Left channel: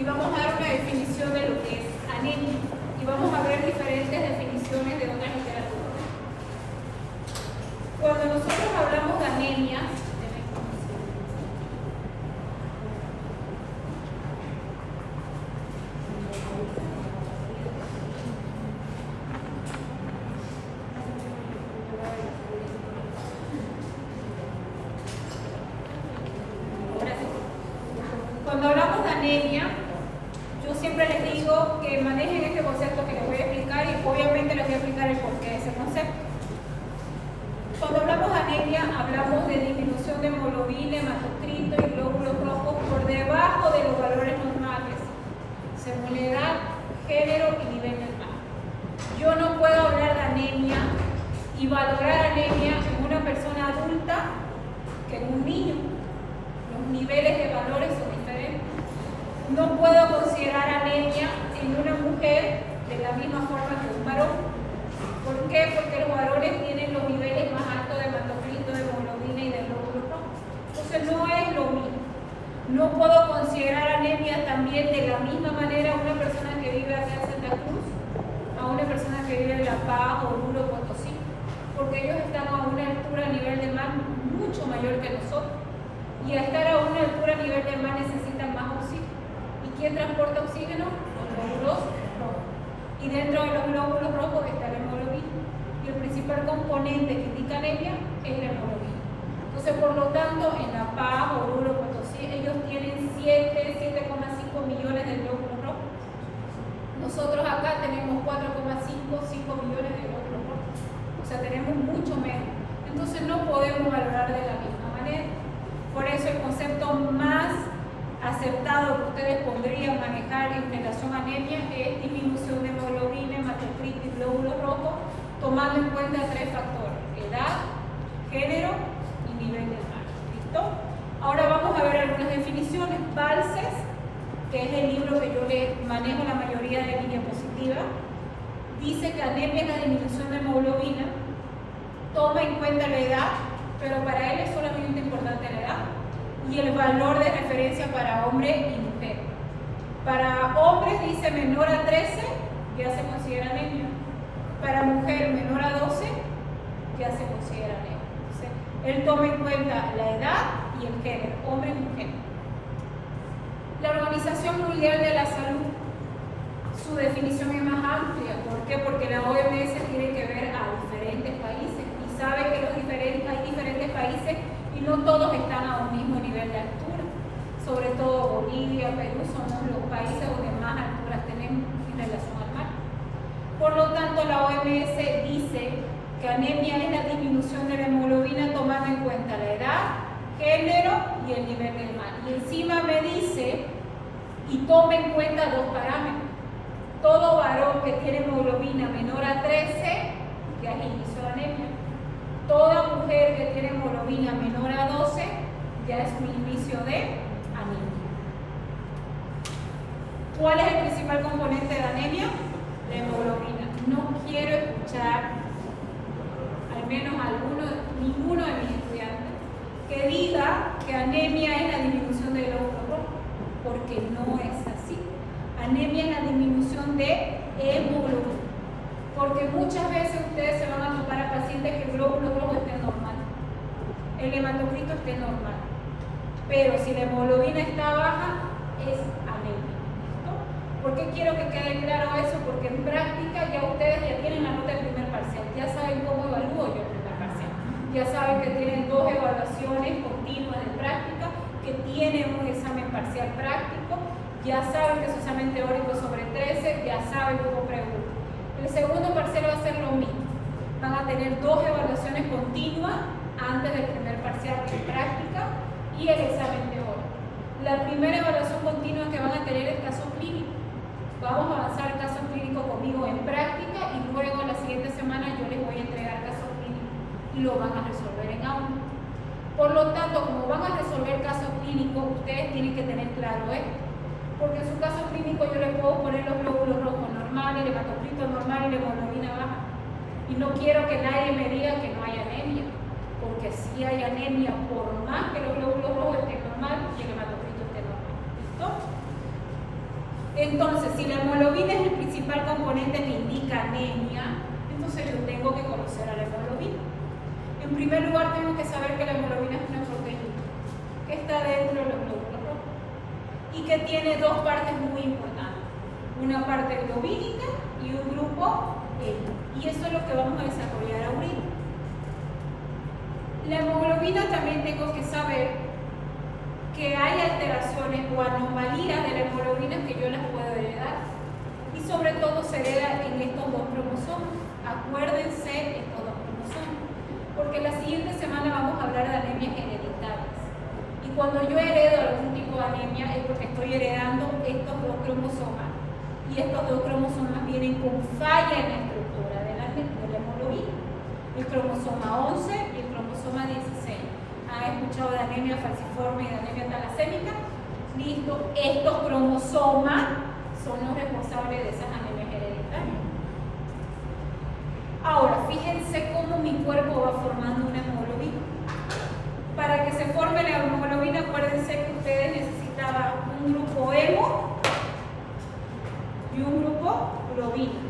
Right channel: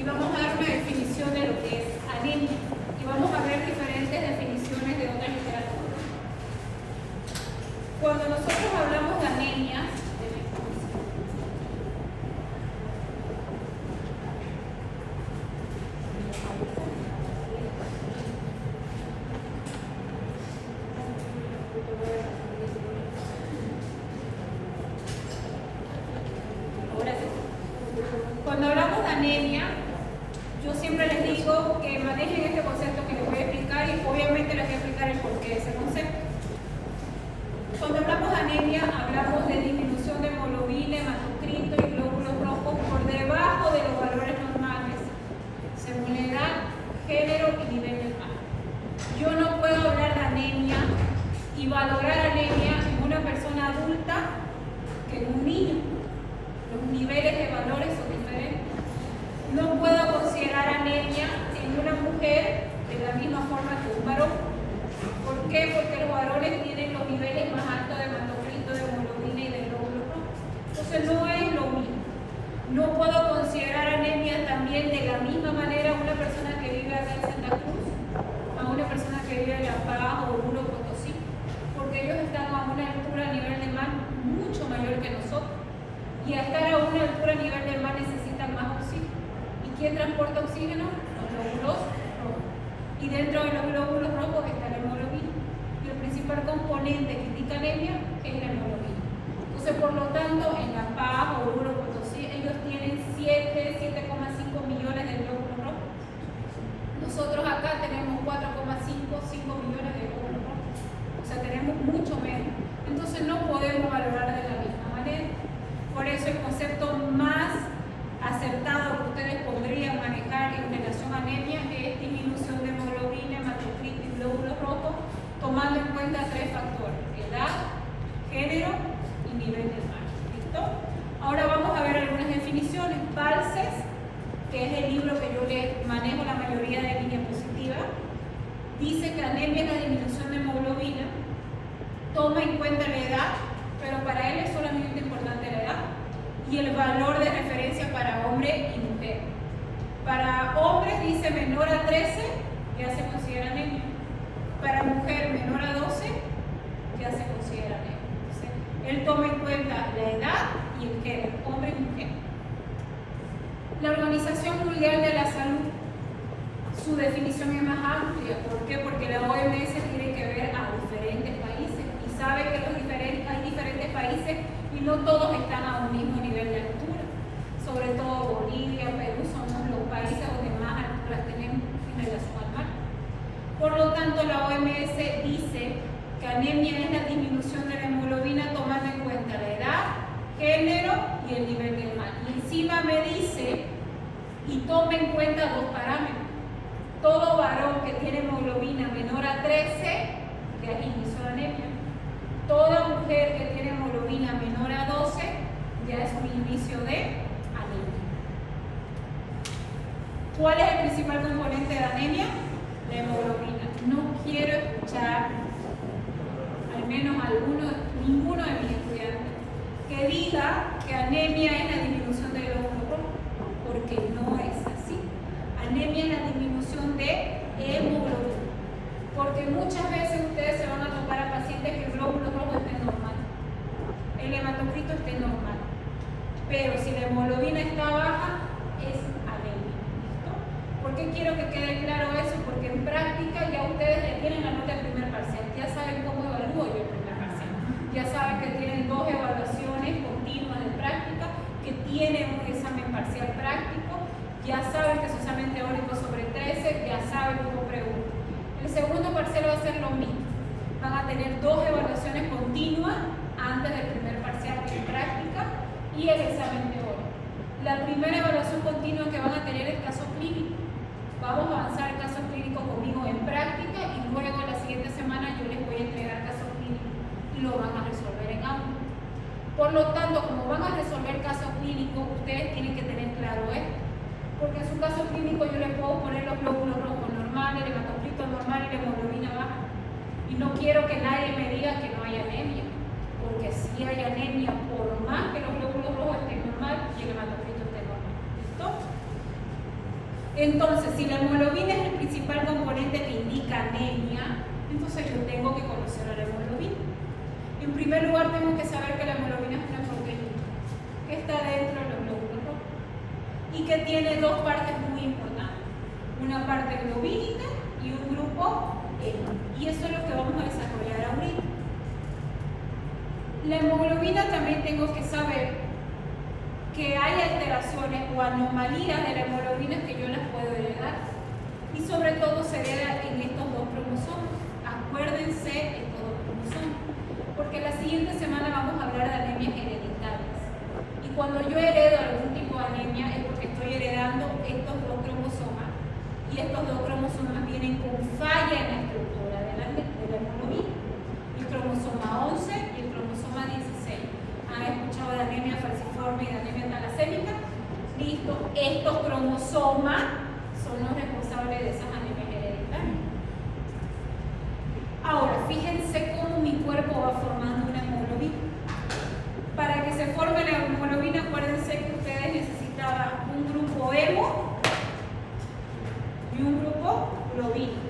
y vamos a dar una definición de lo que es anemia. Y vamos a ver diferentes definiciones de otras literaturas. Cuando nosotros hablamos de anemia, cuando hablamos de anemia, yo siempre les digo que manejen este concepto que les voy a explicar y obviamente les voy a explicar el porqué de ese concepto. Cuando hablamos de anemia, hablamos de disminución de hemoglobina, hematocrito y glóbulos rojos por debajo de los valores normales, según la edad, género y nivel del mar. Yo no puedo hablar de anemia y valorar anemia en una persona adulta que en un niño. Los niveles de valores son diferentes. No puedo considerar anemia en una mujer de la misma forma que un varón. ¿Por qué? Porque los varones tienen los niveles más altos de hematocrito, de hemoglobina y de glóbulos rojos. Entonces no es lo mismo. No puedo considerar anemia también de la misma manera a una persona que vive allá en Santa Cruz, a una persona que vive en La Paz o Oruro, Potosí, porque ellos están a una altura a nivel del mar mucho mayor que nosotros. Y al estar a una altura a nivel del mar necesitan más oxígeno. ¿Y quién transporta oxígeno? Los glóbulos rojos. Y dentro de los glóbulos rojos está la hemoglobina. Y el principal componente que indica anemia es la hemoglobina. Entonces, por lo tanto, en La Paz, Oruro, Potosí, ellos tienen 7,5 millones de glóbulos rojos. Nosotros acá tenemos 5 millones de glóbulos rojos. O sea, tenemos mucho menos. Entonces, no podemos valorar de la misma manera. Por eso el concepto más aceptado que ustedes podrían manejar en relación a anemia es disminución de hemoglobina, hematocrito y glóbulos rojos, tomando en cuenta 3 factores: edad, género y nivel del mar. ¿Listo? Ahora vamos a ver algunas definiciones. Balces, que es el libro que yo le manejo la mayoría de diapositivas, dice que anemia es la disminución de hemoglobina, toma en cuenta la edad, pero para él es solamente importante la edad y el valor de referencia para hombre y mujer. Para hombres dice menor a 13, ya se considera anemia. Para mujer menor a 12, ya se considera anemia. Entonces, él toma en cuenta la edad y el género, hombre y mujer. La Organización Mundial de la Salud, su definición es más amplia. ¿Por qué? Porque la OMS tiene que ver a diferentes países y sabe que hay diferentes países y no todos están a un mismo nivel de altura. Sobre todo Bolivia, Perú son los países donde más alturas tenemos en relación al mar. Por lo tanto, la OMS dice que anemia es la disminución de la hemoglobina tomando en cuenta la edad, género y el nivel del mar. Y encima me dice y toma en cuenta 2 parámetros. Todo varón que tiene hemoglobina menor a 13 ya inició la anemia. Toda mujer que tiene hemoglobina menor a 12 ya es un inicio de anemia. ¿Cuál es el principal componente de anemia? La hemoglobina. No quiero escuchar, al menos ninguno de mis estudiantes, que diga que anemia es la disminución de glóbulos rojos, porque no es así. Anemia es la disminución de hemoglobina. Porque muchas veces ustedes se van a topar a pacientes que el glóbulo rojo esté normal, el hematocrito esté normal, pero si la hemoglobina está baja, es anemia. ¿Listo? ¿Por qué quiero que quede claro eso? Porque en práctica ya ustedes ya tienen la nota del primer parcial, ya saben cómo evalúo yo el primer parcial, ya saben que tienen 2 evaluaciones continuas de práctica, que tienen un examen parcial práctico, ya saben que su examen teórico sobre 13, ya saben cómo preguntar. El segundo parcial va a ser lo mismo. Van a tener 2 evaluaciones continuas antes del primer parcial de práctica y el examen teórico. La primera evaluación continua que van a tener es caso clínico. Vamos a avanzar el caso clínico conmigo en práctica y luego la siguiente semana yo les voy a entregar caso clínico y lo van a resolver en aula. Por lo tanto, como van a resolver caso clínico, ustedes tienen que tener claro esto. Porque en su caso clínico yo le puedo poner los glóbulos rojos normales, el hematocrito normal y la hemoglobina baja. Y no quiero que nadie me diga que no hay anemia, porque sí hay anemia, por más que los glóbulos rojos estén normal y el hematocrito esté normal. ¿Listo? Entonces, si la hemoglobina es el principal componente que indica anemia, entonces yo tengo que conocer a la hemoglobina. En primer lugar, tengo que saber que la hemoglobina es una proteína que está dentro de los glóbulos rojos y que tiene dos partes muy importantes, una parte globínica y un grupo hemo. Y eso es lo que vamos a desarrollar ahorita. La hemoglobina también tengo que saber que hay alteraciones o anomalías de la hemoglobina que yo las puedo heredar. Y sobre todo se hereda en estos dos cromosomas. Acuérdense estos dos cromosomas. Porque la siguiente semana vamos a hablar de anemias hereditarias. Y cuando yo heredo algún tipo de anemia es porque estoy heredando estos dos cromosomas. Y estos dos cromosomas vienen con falla en la estructura de la hemoglobina. El cromosoma 11 y el cromosoma 16. ¿Han escuchado de anemia falciforme y de anemia talasémica? Listo, estos cromosomas son los responsables de esas anemias hereditarias. Ahora, fíjense cómo mi cuerpo va formando una hemoglobina. Para que se forme la hemoglobina, acuérdense que ustedes necesitaban un grupo hemo y un grupo globínico.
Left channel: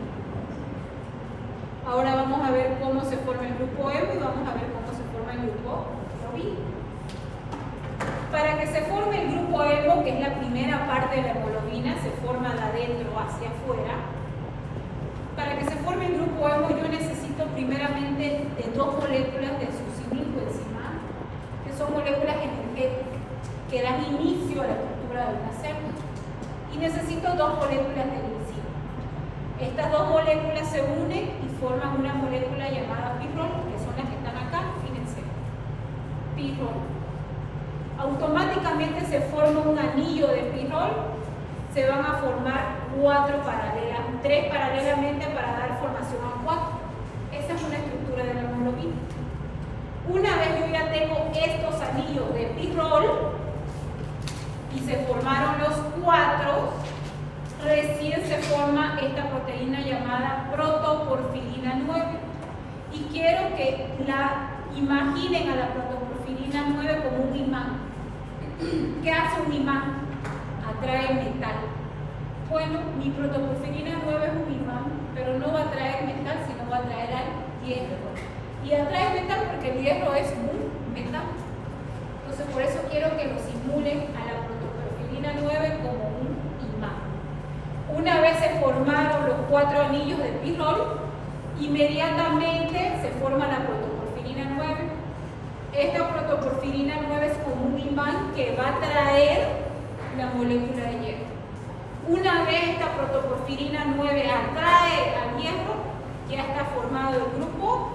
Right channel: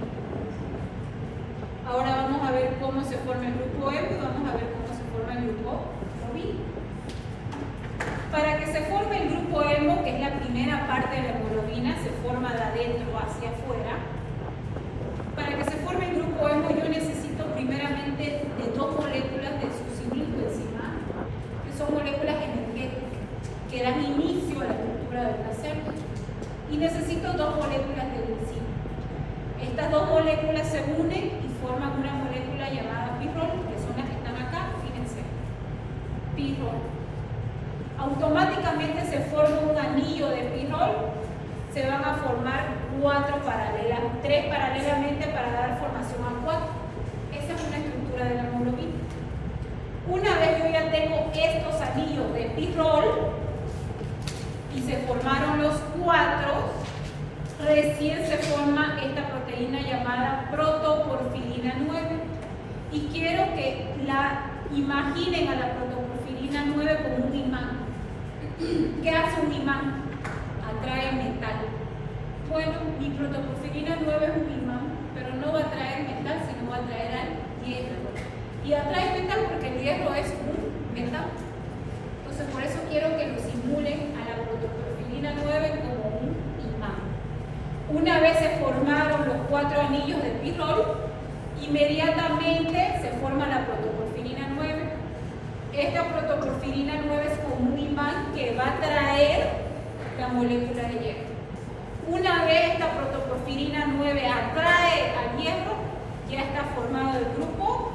Ahora vamos a ver cómo se forma el grupo hemo y vamos a ver cómo se forma el grupo globínico. Para que se forme el grupo hemo, que es la primera parte de la hemoglobina, se forma de adentro hacia afuera. Para que se forme el grupo hemo, yo necesito primeramente de dos moléculas de succinilcoenzima, que son moléculas energéticas, que dan inicio a la estructura de una célula. Y necesito dos moléculas de glicina. Estas dos moléculas se unen y forman una molécula llamada pirrol, que son las que están acá, fíjense. Pirrol. Automáticamente se forma un anillo de pirrol, se van a formar tres paralelamente para dar formación a 4. Esa es una estructura de la hemoglobina. Una vez yo ya tengo estos anillos de pirrol y se formaron los 4, recién se forma esta proteína llamada protoporfirina 9. Y quiero que la imaginen a la protoporfirina 9 como un imán. ¿Qué hace un imán? Atrae metal. Bueno, mi protoporfirina 9 es un imán, pero no va a atraer metal, sino va a atraer al hierro. Y atrae metal porque el hierro es un metal. Entonces, por eso quiero que lo simulen a la protoporfirina 9 como un imán. Una vez se formaron los 4 anillos de pirrol, inmediatamente se forma la protoporfirina 9. Esta protoporfirina 9 es como un imán que va a atraer la molécula de hierro. Una vez esta protoporfirina 9 atrae al hierro, ya está formado el grupo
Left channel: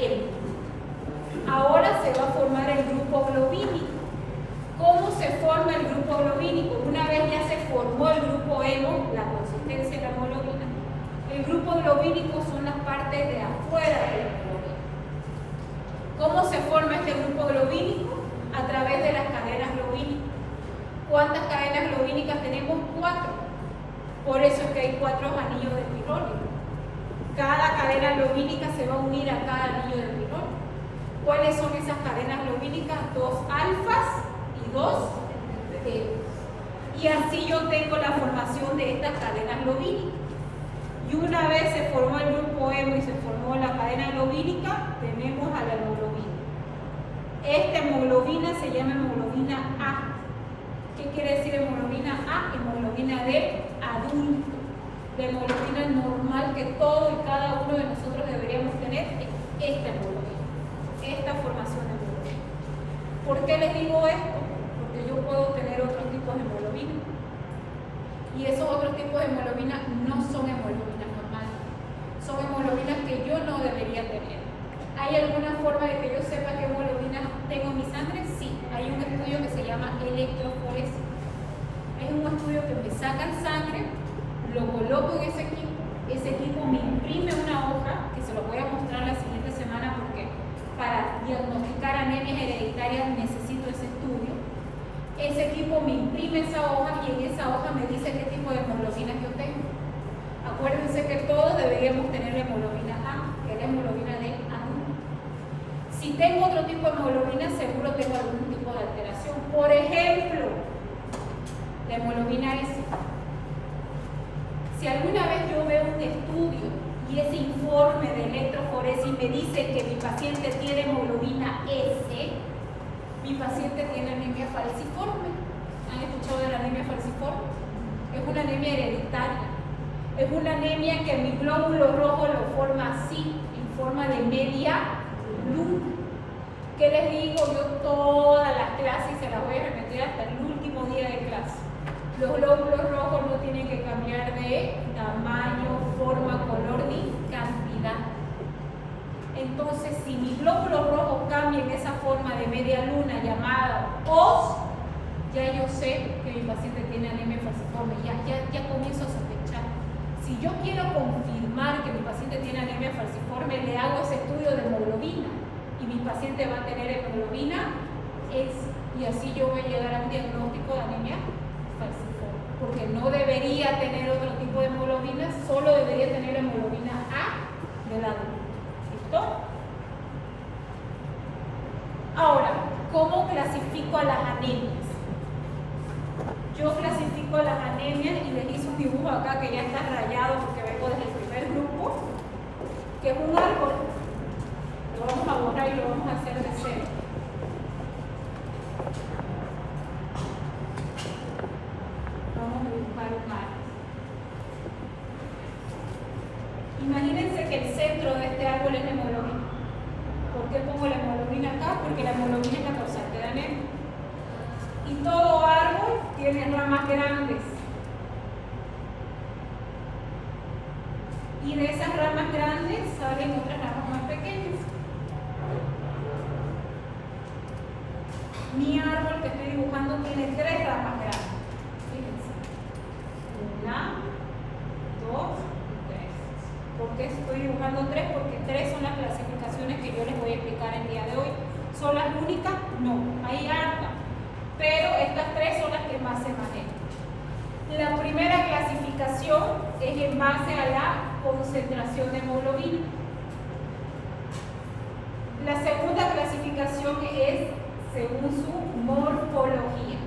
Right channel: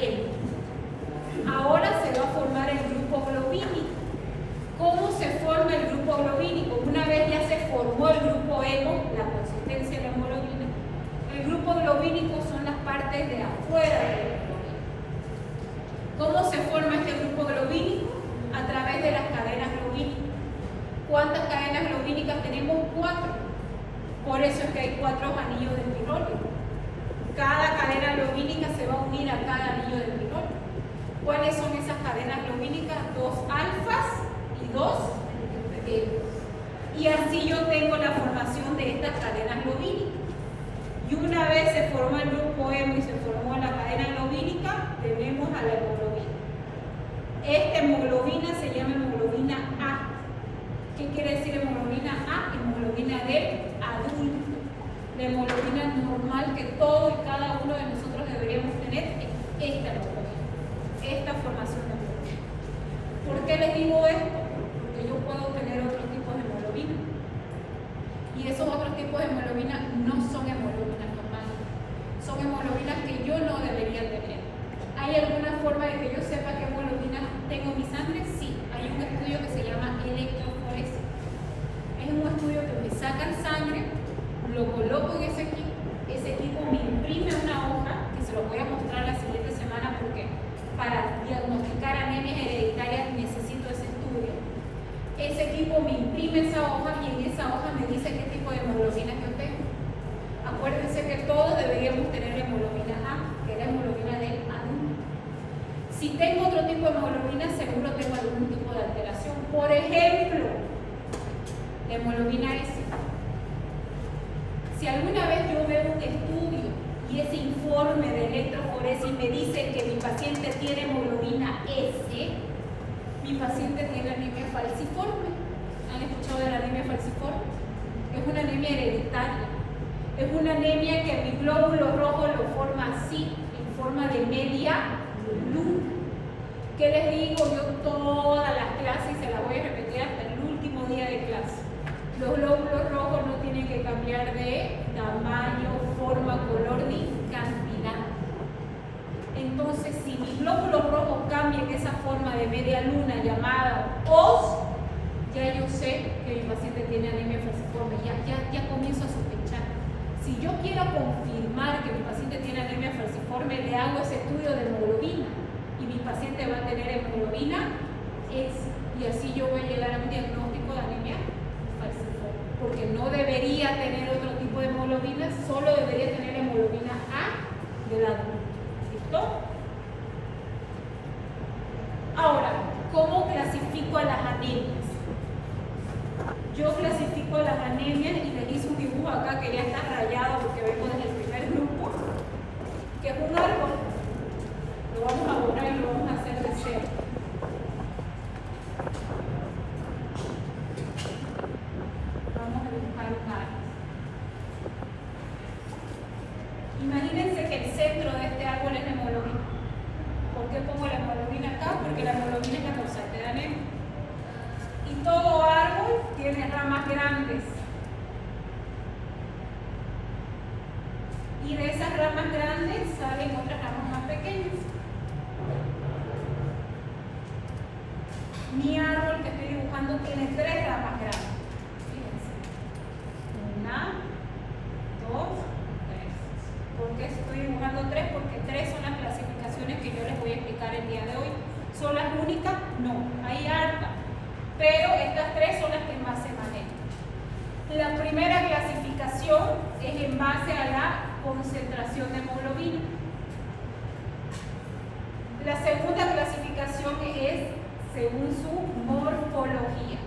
hemo. Ahora se va a formar el grupo globínico. ¿Cómo se forma el grupo globínico? Una vez ya se formó el grupo hemo, la consistencia de la hemoglobina, el grupo globínico son las partes de afuera de la hemoglobina. ¿Cómo se forma este grupo globínico? A través de las cadenas globínicas. ¿Cuántas cadenas globínicas tenemos? 4. Por eso es que hay 4 anillos de pirrol. Cada cadena globínica se va a unir a cada anillo de pirrol. ¿Cuáles son esas cadenas globínicas? 2 alfas y 2 betas. Y así yo tengo la formación de estas cadenas globínicas. Y una vez se formó el grupo hemo y se formó la cadena globínica, tenemos a la hemoglobina. Esta hemoglobina se llama hemoglobina A. ¿Qué quiere decir hemoglobina A? Hemoglobina del adulto. La hemoglobina normal que todo y cada uno de nosotros deberíamos tener es esta hemoglobina, esta formación de hemoglobina. ¿Por qué les digo esto? Porque yo puedo tener otros tipos de hemoglobina. Y esos otros tipos de hemoglobina no son hemoglobinas normales. Son hemoglobinas que yo no debería tener. ¿Hay alguna forma de que yo sepa qué hemoglobina tengo en mi sangre? Sí, hay un estudio que se llama electroforesis. Es un estudio que me sacan sangre, lo coloco en ese equipo me imprime una hoja, que se lo voy a mostrar la siguiente semana porque para diagnosticar anemias hereditarias necesito ese estudio. Ese equipo me imprime esa hoja y en esa hoja me dice qué tipo de hemoglobina yo tengo. Acuérdense que todos deberíamos tener la hemoglobina A, que es la hemoglobina de adulto. Si tengo otro tipo de hemoglobina, seguro tengo algún tipo de alteración. Por ejemplo, la hemoglobina S. me dice que mi paciente tiene hemoglobina S, mi paciente tiene anemia falciforme. ¿Han escuchado de la anemia falciforme? Es una anemia hereditaria. Es una anemia que mi glóbulo rojo lo forma así, en forma de media luna. ¿Qué les digo? Yo todas las clases se las voy a repetir hasta el último día de clase. Los glóbulos rojos no tienen que cambiar de tamaño, forma, color ni cantidad. Entonces, si mis glóbulos rojos cambian de esa forma de media luna llamada OS, ya yo sé que mi paciente tiene anemia falciforme, ya comienzo a sospechar. Si yo quiero confirmar que mi paciente tiene anemia falciforme, le hago ese estudio de hemoglobina y mi paciente va a tener hemoglobina S, y así yo voy a llegar a un diagnóstico de anemia falciforme, porque no debería tener otro tipo de hemoglobina, solo debería tener hemoglobina A del adulto. ¿Listo? Ahora, ¿cómo clasifico a las anemias? Yo clasifico a las anemias y les hice un dibujo acá que ya está rayado porque vengo desde el primer grupo, que es un árbol. Lo vamos a borrar y lo vamos a hacer de cero. Vamos a dibujar un árbol. Imagínense que el centro de este árbol es la hemoglobina. ¿Por qué pongo la hemoglobina acá? Porque la hemoglobina es la causante de anemia. Y todo árbol tiene ramas grandes. Y de esas ramas grandes salen otras ramas más pequeñas. Mi árbol que estoy dibujando tiene 3 ramas grandes. Fíjense. 1, 2 y 3. ¿Por qué estoy dibujando 3? Porque 3 son las clasificaciones que yo les voy a explicar el día de hoy. ¿Son las únicas? No, hay hartas. Pero estas 3 son las que más se manejan. La primera clasificación es en base a la concentración de hemoglobina. La segunda clasificación es según su morfología.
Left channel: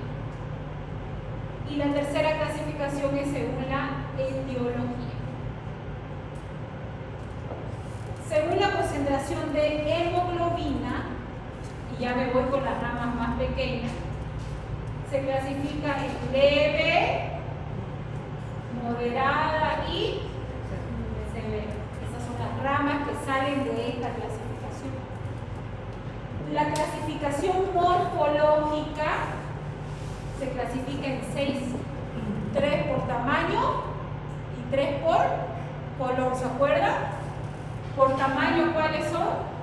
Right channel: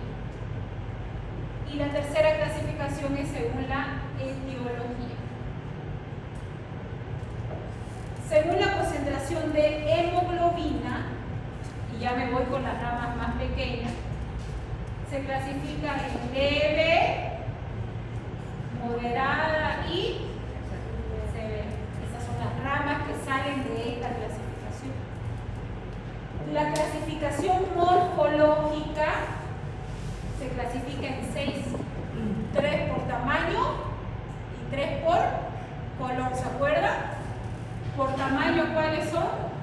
Y la tercera clasificación es según la etiología. Según la concentración de hemoglobina, y ya me voy con las ramas más pequeñas, se clasifica en leve, moderada y severa. Esas son las ramas que salen de esta clasificación. La clasificación morfológica se clasifica en 6, 3 por tamaño y 3 por color, ¿se acuerdan? Por tamaño, ¿cuáles son?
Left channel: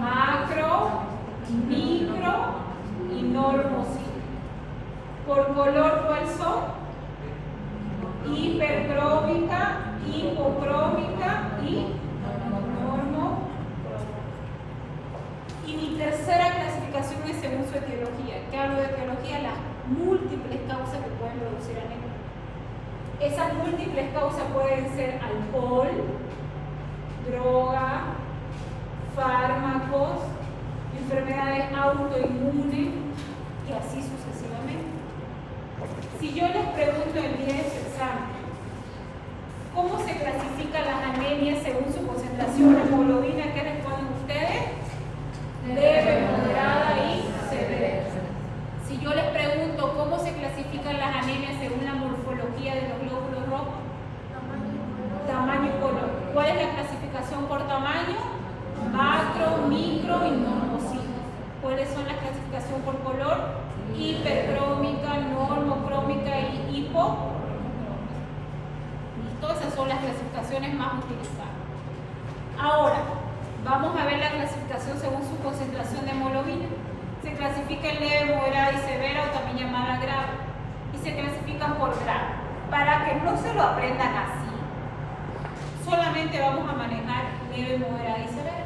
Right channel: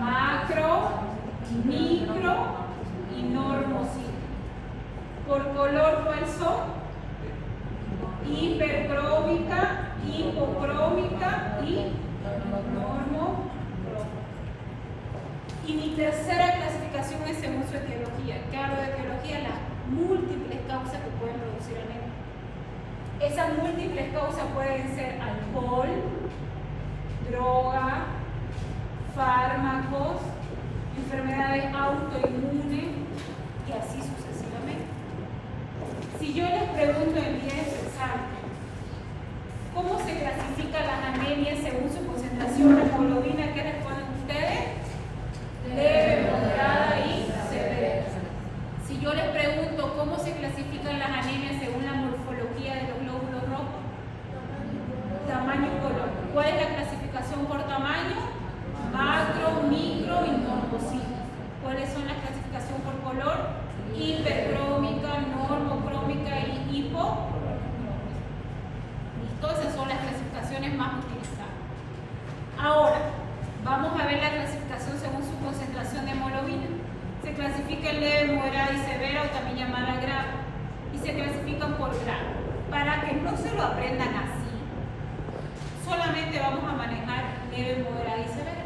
Macro, micro y normocito. Por color, ¿cuáles son? Hipercrómica, hipocrómica y normocrómica. Y mi tercera clasificación es según su etiología. ¿Qué hablo de etiología? Las múltiples causas que pueden producir anemia. Esas múltiples causas pueden ser alcohol, droga, fármacos, enfermedades autoinmunes y así sucesivamente. Si yo les pregunto el día de su examen, ¿cómo se clasifican las anemias según su concentración de hemoglobina? ¿Qué responden ustedes? Leve, moderada y severa. Si yo les pregunto cómo se clasifican las anemias según la morfología de los glóbulos rojos, tamaño y color. ¿Cuál es la clasificación por tamaño? Macro, micro y normocito. ¿Cuáles son las clasificaciones por color? Hipercrómica, normocrómica y hipocrómica. ¿Listo? Esas son las clasificaciones más utilizadas. Ahora, vamos a ver la clasificación según su concentración de hemoglobina. Se clasifica en leve, moderada y severa, o también llamada grave. Y se clasifican por grado. Para que no se lo aprendan así, solamente vamos a manejar leve, moderada y severa.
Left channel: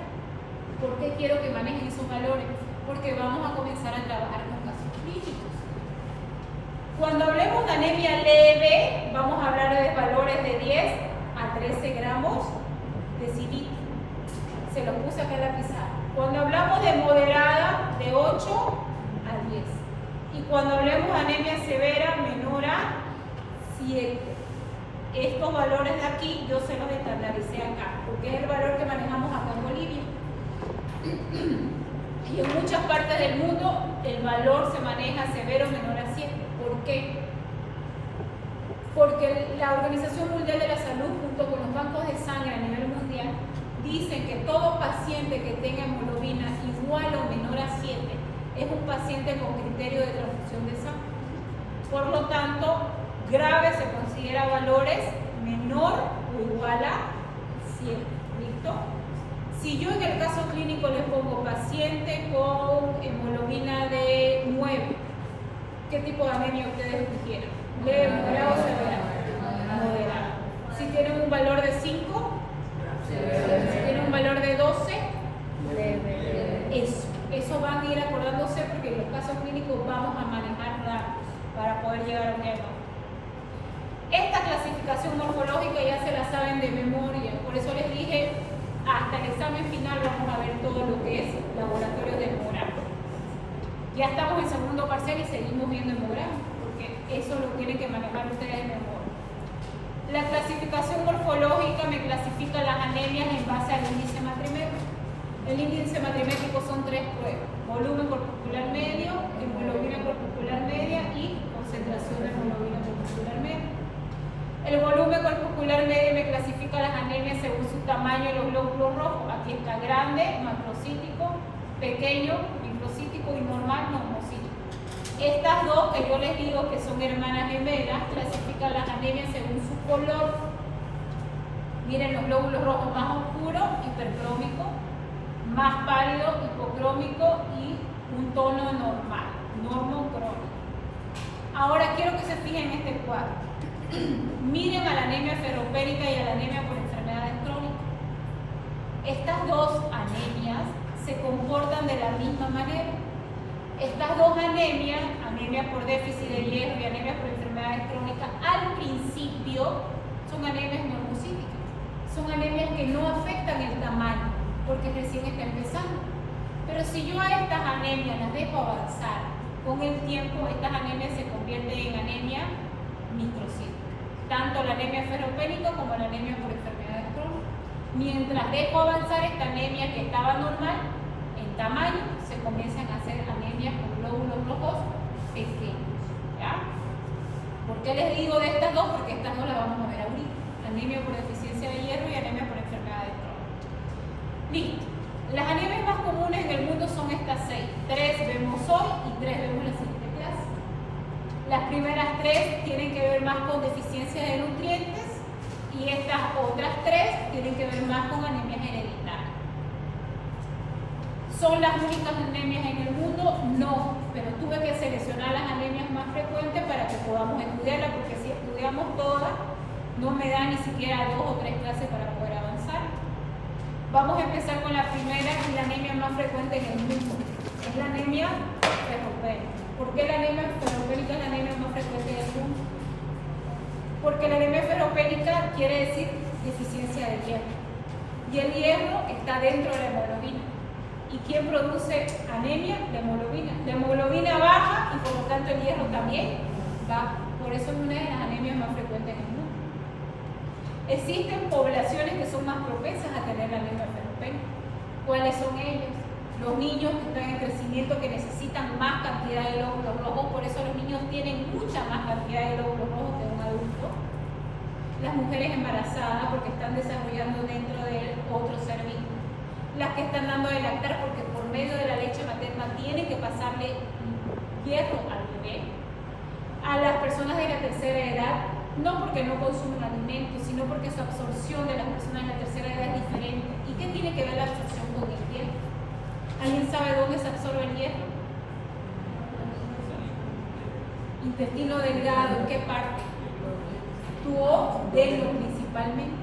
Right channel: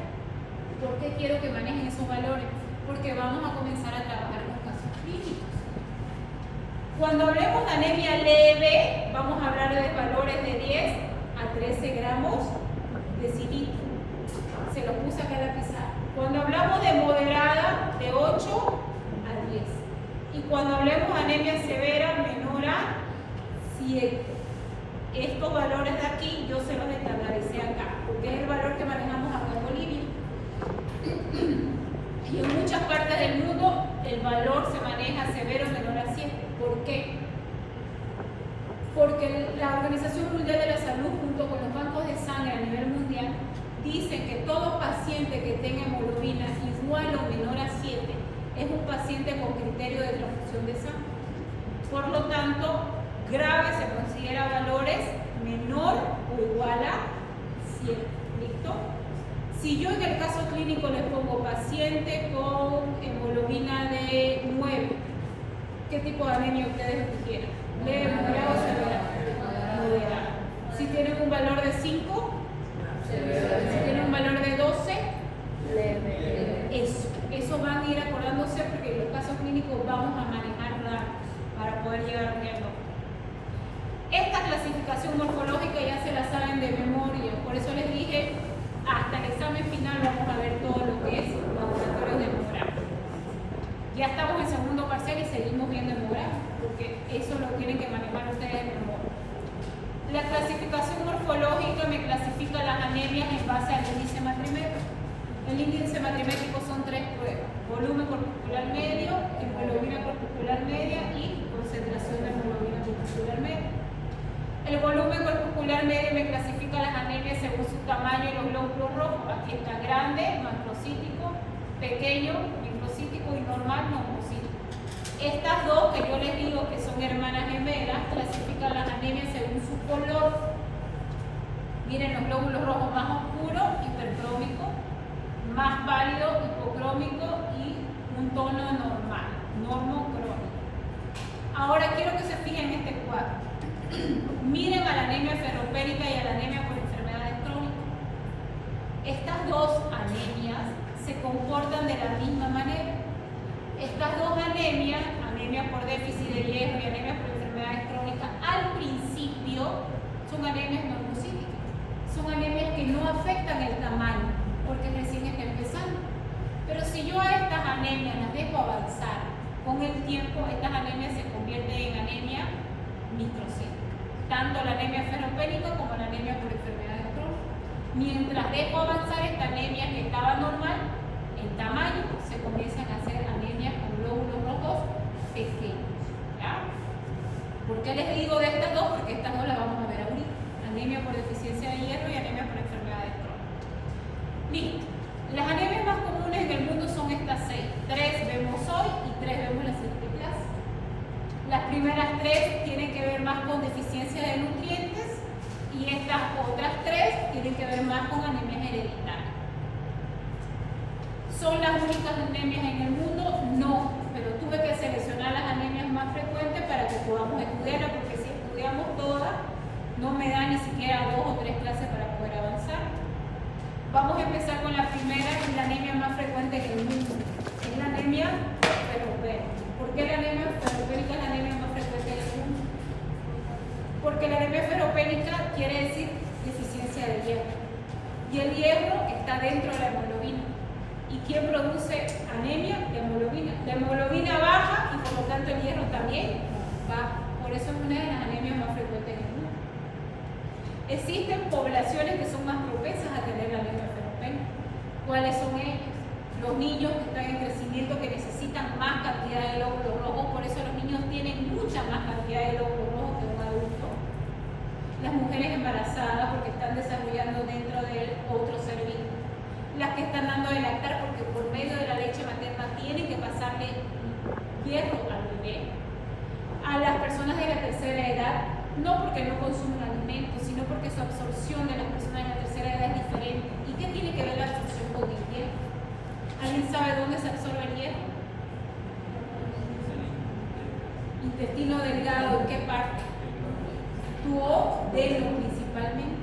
¿Por qué quiero que manejen esos valores? Porque vamos a comenzar a trabajar con casos clínicos. Cuando hablemos de anemia leve, vamos a hablar de valores de 10 a 13 gramos de cilitro. Se los puse acá en la pizarra. Cuando hablamos de moderada, de 8 a 10. Y cuando hablemos de anemia severa, menor a 7. estos valores de aquí yo se los estandaricé acá, porque es el valor que manejamos acá en Bolivia. Y en muchas partes del mundo el valor se maneja severo menor a 7. ¿Por qué? Porque la Organización Mundial de la Salud, junto con los bancos de sangre a nivel mundial, dicen que todo paciente que tenga hemoglobina igual o menor a 7 es un paciente con criterio de transfusión de sangre. Por lo tanto, grave se considera valores menor o igual a 7. ¿Listo? Si yo en el caso clínico les pongo paciente con hemoglobina de 9, ¿qué tipo de anemia ustedes quisieran? ¿Leve, moderada o severa? Moderada. Si tienen un valor de 5, si tienen un valor de 12, eso van a ir acordándose porque en los casos clínicos vamos a manejar rangos para poder llegar a un diagnóstico. Esta clasificación morfológica ya se la saben de memoria, por eso les dije, hasta el examen final vamos a ver todo lo que es laboratorios de hemograma. Ya estamos en segundo parcial y seguimos viendo hemograma, porque eso lo tienen que manejar ustedes en memoria. La clasificación morfológica me clasifica las anemias en base al índice matrimétrico. El índice matrimétrico son 3 pruebas: volumen corpuscular medio, hemoglobina corpuscular media y concentración de hemoglobina corpuscular media. El volumen corpuscular medio me clasifica las anemias según su tamaño y los glóbulos rojos. Aquí está grande, macrocítico, pequeño, microcítico y normal, normocítico. Estas dos que yo les digo que son hermanas gemelas clasifican las anemias según su color. Miren los glóbulos rojos más oscuros, hipercrómico, más pálido, hipocrómico y un tono normal, normocrómico. Ahora quiero que se fijen en este cuadro. Miren a la anemia ferropénica y a la anemia por enfermedades crónicas. Estas dos anemias se comportan de la misma manera. Estas dos anemias, anemia por déficit de hierro y anemia por enfermedades crónicas, al principio son anemias normocíticas. Son anemias que no afectan el tamaño, porque recién está empezando. Pero si yo a estas anemias las dejo avanzar, con el tiempo estas anemias se convierten en anemia microcítica. Tanto la anemia ferropénica como la anemia por enfermedades crónicas. Mientras dejo avanzar esta anemia que estaba normal, en tamaño, se comienzan a hacer anemias con glóbulos rojos pequeños. ¿Ya? ¿Por qué les digo de estas dos? Porque estas dos las vamos a ver ahorita. Anemia por deficiencia de hierro y anemia por enfermedades crónicas. Listo. Las anemias más comunes en el mundo son estas 6. 3 vemos hoy y 3 vemos la siguiente clase. Las primeras 3 tienen que ver más con deficiencia de nutrientes y estas otras 3 tienen que ver más con anemias hereditarias. ¿Son las únicas anemias en el mundo? No, pero tuve que seleccionar las anemias más frecuentes para que podamos estudiarlas, porque si estudiamos todas, no me da ni siquiera 2 o 3 clases para poder avanzar. Vamos a empezar con la primera, que es la anemia más frecuente en el mundo. Es la anemia ferropénica. ¿Por qué la anemia ferropénica es la anemia más frecuente en el mundo? Porque la anemia ferropénica quiere decir deficiencia de hierro. Y el hierro está dentro de la hemoglobina. ¿Y quién produce anemia? La hemoglobina. La hemoglobina baja y por lo tanto el hierro también baja. Por eso es una de las anemias más frecuentes en el mundo. Existen poblaciones que son más propensas a tener la anemia ferropénica. ¿Cuáles son ellos? Los niños que están en crecimiento, que necesitan más cantidad de glóbulos rojos, por eso los niños tienen mucha más cantidad de glóbulos rojos que un adulto. Las mujeres embarazadas, porque están desarrollando dentro de otro ser vivo. Las que están dando de lactar, porque por medio de la leche materna tienen que pasarle hierro al bebé. A las personas de la tercera edad, no porque no consumen alimentos, sino porque su absorción de las personas de la tercera edad es diferente. ¿Y qué tiene que ver la absorción con el hierro? ¿Alguien sabe dónde se absorbe el hierro? Intestino delgado, ¿en qué parte? Duodeno principalmente.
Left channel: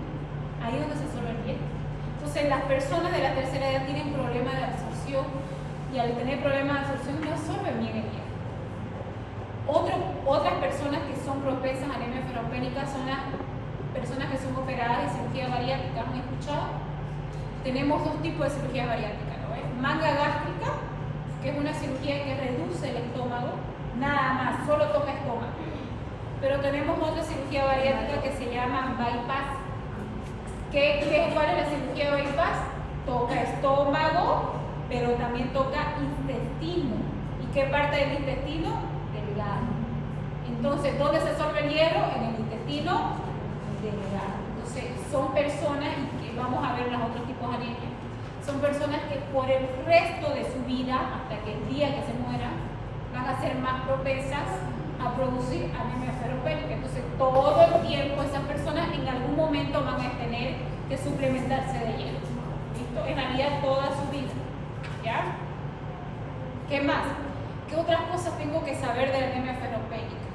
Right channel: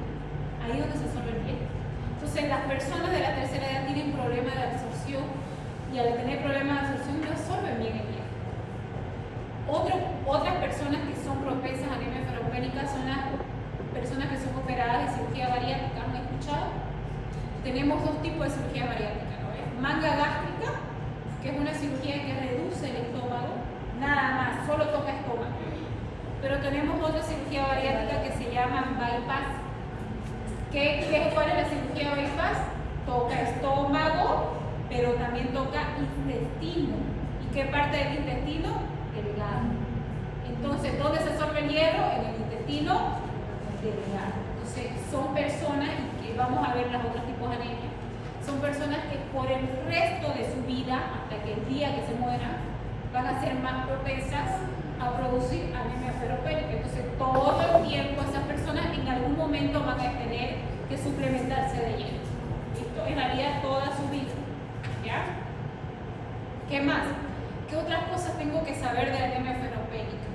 Ahí es donde se absorbe el hierro. Entonces las personas de la tercera edad tienen problemas de absorción y al tener problemas de absorción no absorben bien el hierro. Otras personas que son propensas a anemia ferropénica son las personas que son operadas de cirugía bariátrica. ¿Han escuchado? Tenemos 2 tipos de cirugía bariátrica, ¿no? Manga gástrica, que es una cirugía que reduce el estómago, nada más, solo toca estómago. Pero tenemos otra cirugía bariátrica que se llama bypass. ¿Cuál es la cirugía bypass? Toca estómago, pero también toca intestino. ¿Y qué parte del intestino? Delgado. Entonces, ¿dónde se absorbe el hierro? En el intestino delgado. Entonces, son personas, y vamos a ver los otros tipos de anemia, son personas que por el resto de su vida, hasta que el día que se mueran, van a ser más propensas a producir anemia ferropénica. Entonces, todo el tiempo esas personas en algún momento van a tener que suplementarse de hierro. ¿Listo? En realidad toda su vida. ¿Ya? ¿Qué más? ¿Qué otras cosas tengo que saber de la anemia ferropénica?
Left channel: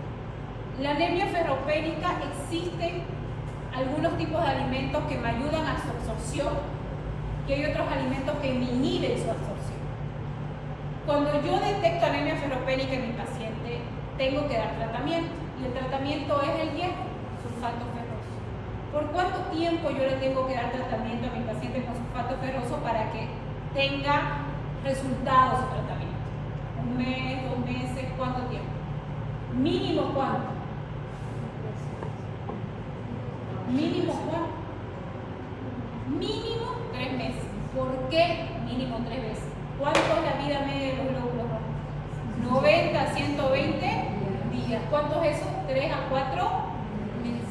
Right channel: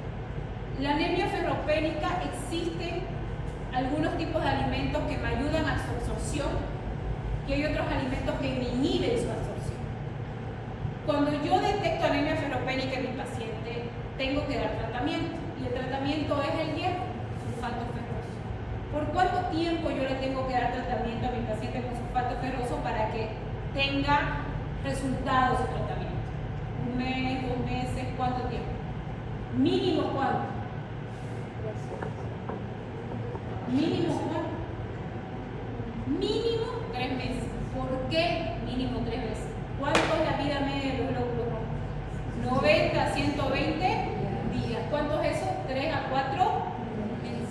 La anemia ferropénica, existen algunos tipos de alimentos que me ayudan a su absorción y hay otros alimentos que me inhiben su absorción. Cuando yo detecto anemia ferropénica en mi paciente, tengo que dar tratamiento, y el tratamiento es el hierro, sulfato ferroso. ¿Por cuánto tiempo yo le tengo que dar tratamiento a mi paciente con sulfato ferroso para que tenga resultados de tratamiento? ¿Un mes, 2 meses? ¿Cuánto tiempo? ¿Mínimo cuánto? ¿Mínimo cuánto? Mínimo 3 meses. ¿Por qué mínimo 3 meses? ¿Cuánto es la vida media de los glóbulos rojos? 90 a 120 días. ¿Cuánto es eso? 3 a 4 meses.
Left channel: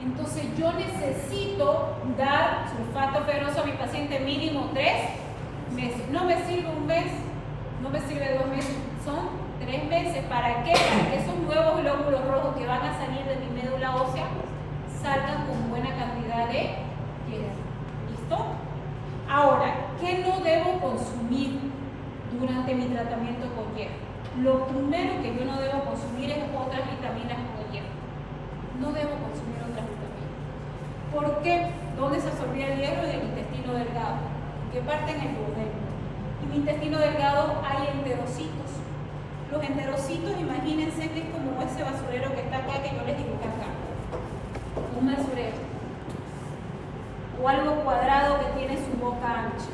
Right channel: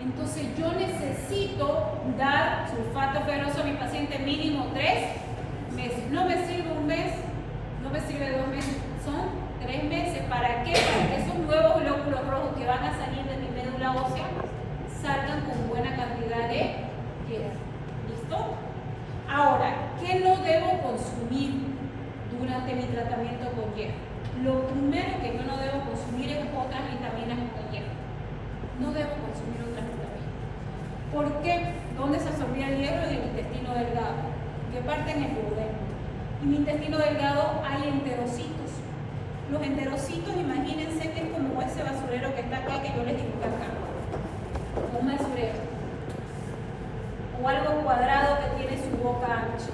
Entonces yo necesito dar sulfato ferroso a mi paciente mínimo 3 meses. No me sirve un mes, no me sirve 2 meses, son 3 meses. ¿Para qué? Para que esos nuevos glóbulos rojos que van a salir de mi médula ósea salgan con buena cantidad de hierro. ¿Listo? Ahora, ¿qué no debo consumir durante mi tratamiento con hierro? Lo primero que yo no debo consumir es otras vitaminas con hierro. No debo consumir otras vitaminas. ¿Por qué? ¿Dónde se absorbía el hierro? En el intestino delgado. ¿Qué parte? En el duodeno. En mi intestino delgado hay enterocitos. Los enterocitos, imagínense que es como ese basurero que está acá, que yo les dibujé acá. Un basurero. O algo cuadrado que tiene su boca ancha.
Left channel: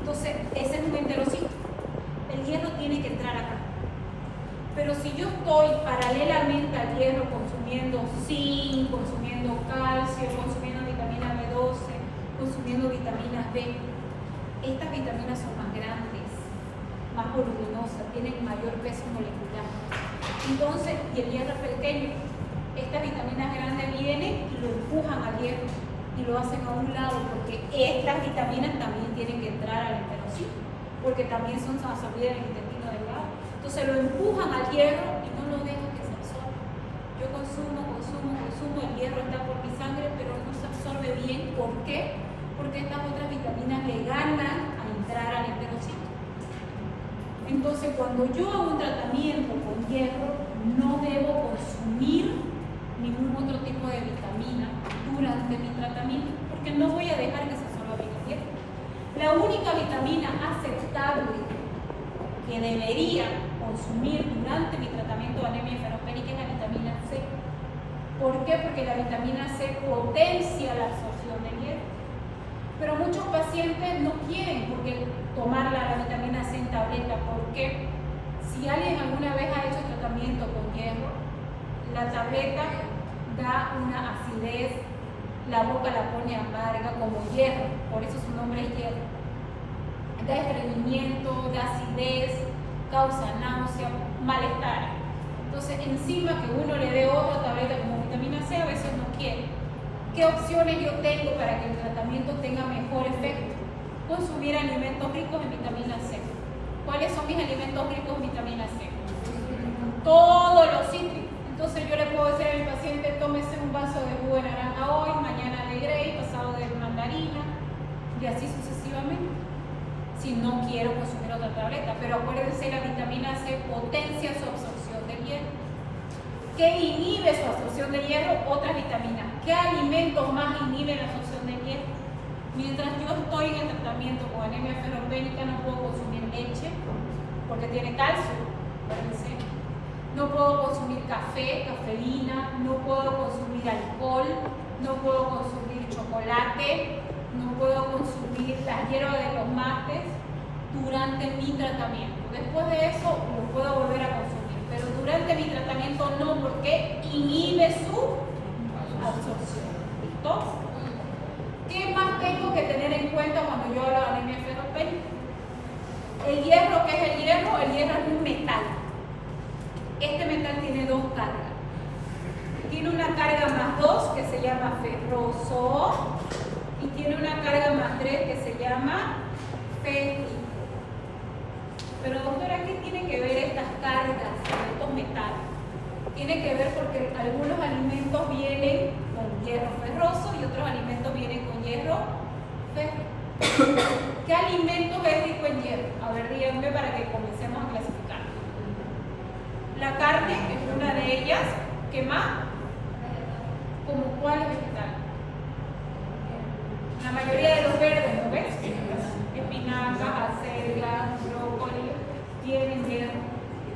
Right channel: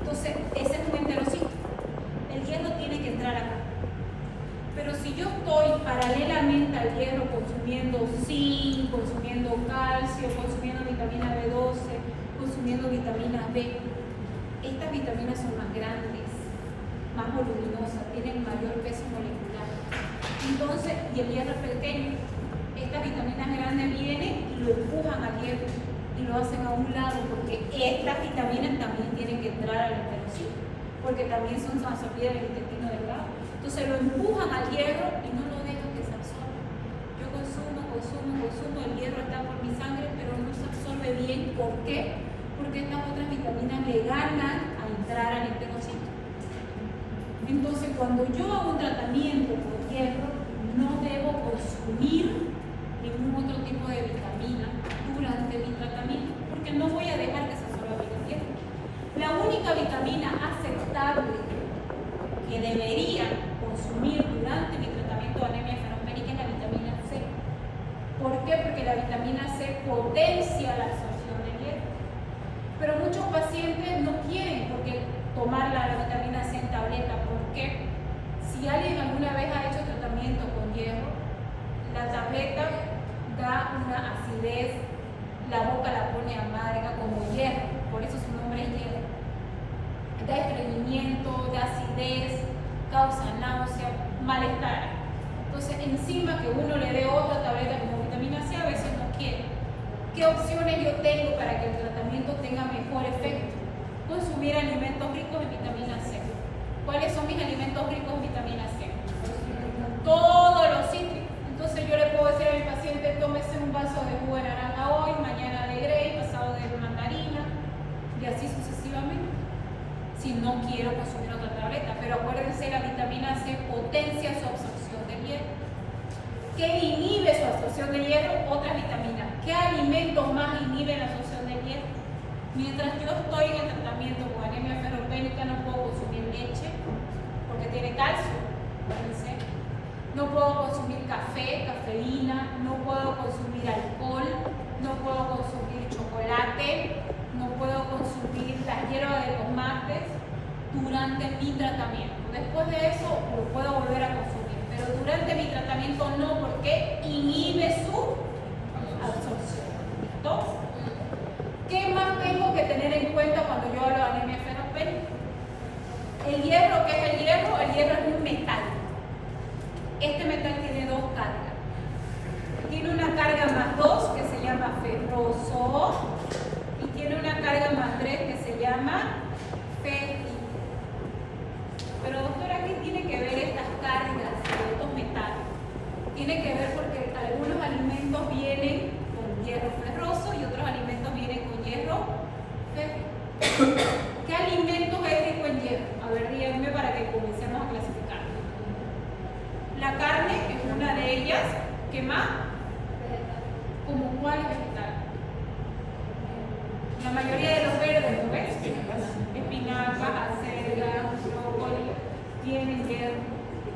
Entonces, ese es un enterocito. El hierro tiene que entrar acá. Pero si yo estoy paralelamente al hierro consumiendo zinc, consumiendo calcio, consumiendo vitamina B12, consumiendo vitaminas B, estas vitaminas son más grandes, más voluminosas, tienen mayor peso molecular. Entonces, y el hierro es pequeño, estas vitaminas grandes vienen y lo empujan al hierro y lo hacen a un lado, porque estas vitaminas también tienen que entrar al enterocito, porque también son absorbidas en el intestino delgado. Entonces lo empujan al hierro y no lo dejan que se absorba. Yo consumo, el hierro está por mi sangre, pero no se absorbe bien. ¿Por qué? Porque estas otras vitaminas le ganan a entrar al enterocito. Entonces, cuando yo hago un tratamiento con hierro, no debo consumir ningún otro tipo de vitamina durante mi tratamiento, porque no voy a dejar que se absorba bien el hierro. La única vitamina aceptable que debería consumir durante mi tratamiento de anemia ferropénica es la vitamina C. ¿Por qué? Porque la vitamina C potencia la absorción del hierro. Pero muchos pacientes no quieren tomar la vitamina C en tableta. ¿Por qué? Si alguien alguna vez ha hecho tratamiento con hierro, la tableta da una acidez, la boca la pone amarga como hierro, por eso su nombre es hierro. Da estreñimiento, da acidez, causa náusea, malestar. Entonces, encima que uno le dé otra tableta como vitamina C, a veces no quiere. ¿Qué opciones yo tengo para que el tratamiento tenga mejor efecto? Consumir alimentos ricos en vitamina C. ¿Cuáles son mis alimentos ricos en vitamina C? Todos los cítricos. Entonces yo le puedo decir al paciente, tómese un vaso de jugo de naranja hoy, mañana de grey, pasado de mandarina, y así sucesivamente. Si no quiero consumir otra tableta, pero acuérdense, la vitamina C potencia su absorción del hierro. ¿Qué inhibe su absorción del hierro? Otras vitaminas. ¿Qué alimentos más inhiben la absorción del hierro? Mientras yo estoy en el tratamiento con anemia ferropénica, no puedo consumir leche porque tiene calcio. Acuérdense. No puedo consumir café, cafeína, no puedo consumir alcohol, no puedo consumir chocolate, no puedo consumir las hierbas de los mates durante mi tratamiento. Después de eso lo puedo volver a consumir, pero durante mi tratamiento no, porque inhibe su absorción. 2. ¿Qué más tengo que tener en cuenta cuando yo hablo de anemia ferropénica? El hierro, ¿qué es el hierro? El hierro es un metal. Este metal tiene 2 cargas. Tiene una carga más 2 que se llama ferroso y tiene una carga más 3 que se llama férrico. Pero doctora, ¿qué tiene que ver estas cargas de estos metales? Tiene que ver porque algunos alimentos vienen con hierro ferroso y otros alimentos vienen con hierro férrico. ¿Qué alimento es rico en hierro? A ver, díganme para que comencemos a clasificar. La carne es una de ellas. ¿Qué más? ¿Como cuál vegetal? La mayoría de los verdes, ¿no ves? Espinaca, acelga, brócoli, tienen hierro.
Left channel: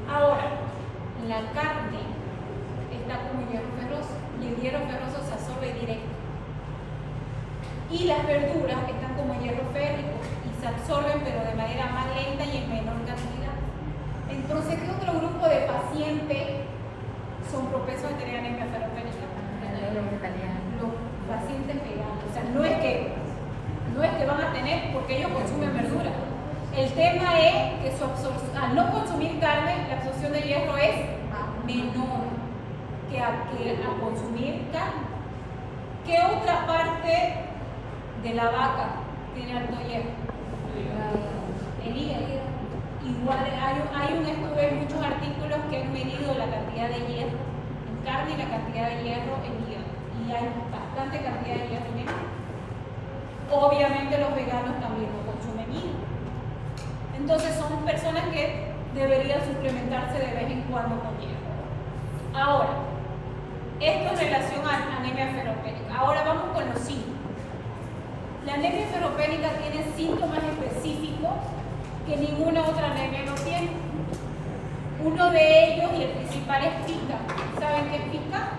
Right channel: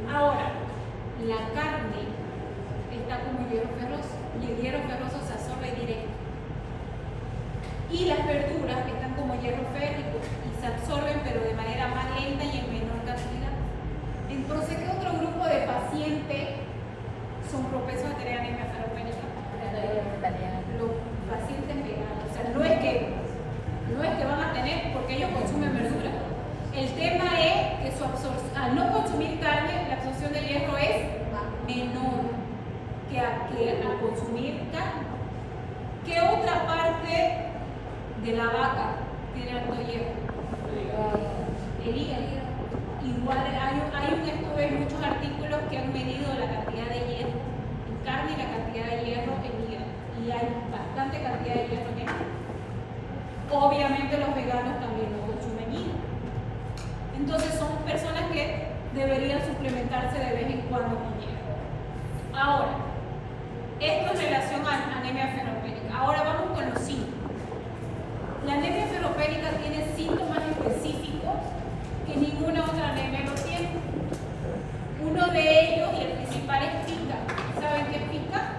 Ahora, la carne está como hierro ferroso y el hierro ferroso se absorbe directo. Y las verduras están como hierro férrico y se absorben pero de manera más lenta y en menor cantidad. Entonces, ¿qué otro grupo de pacientes son propensos a tener anemia ferropénica? Los pacientes veganos. O sea, no es que van a tener porque ellos consumen verdura. El tema es que su absorción, al no consumir carne, la absorción de hierro es menor que a consumir carne. ¿Qué otra parte de la vaca tiene alto hierro? El hígado. Igual hay un estudio, hay muchos artículos que han medido la cantidad de hierro en carne y la cantidad de hierro en hígado. Y hay bastante cantidad de hierro en hígado. Obviamente los veganos también no consumen hígado. Entonces son personas que deberían suplementarse de vez en cuando con hierro. Ahora, esto en relación a anemia ferropénica. Ahora vamos con los síntomas. La anemia ferropénica tiene síntomas específicos que ninguna otra anemia no tiene. Uno de ellos, y el principal, es pica. ¿Saben qué es pica?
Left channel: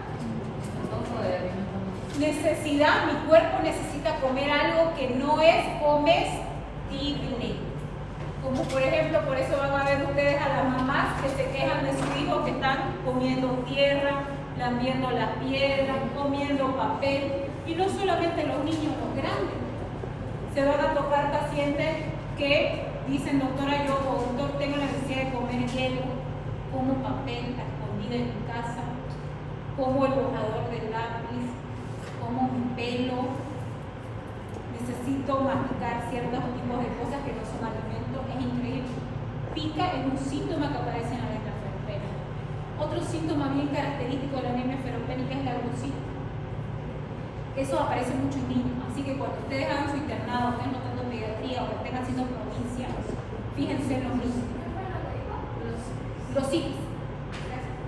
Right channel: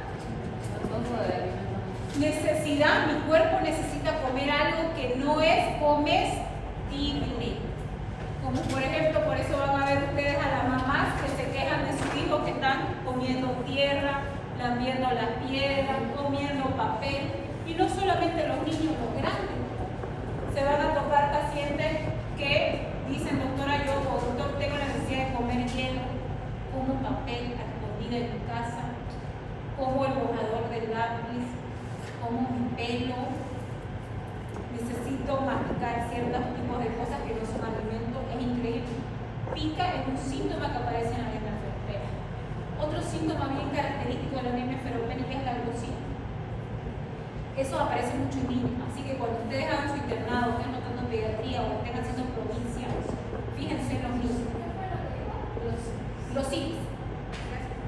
Necesidad, mi cuerpo necesita comer algo que no es comestible. Como por ejemplo, por eso van a ver ustedes a las mamás que se quejan de sus hijos que están comiendo tierra, lamiendo las piedras, comiendo papel. Y no solamente los niños, los grandes. Se van a tocar pacientes que dicen, doctora, yo doctor, tengo la necesidad de comer hielo, como papel a escondida en mi casa, como el borrador del lápiz, como mi pelo, necesito masticar ciertos tipos de cosas que no son alimentos. Es increíble. Pica es un síntoma que aparece en la anemia ferropénica. Otro síntoma bien característico de la anemia ferropénica es la glucina. Eso aparece mucho en niños, así que cuando ustedes hagan su internado, estén notando pediatría o estén haciendo provincia, fíjense en los niños. Los citis.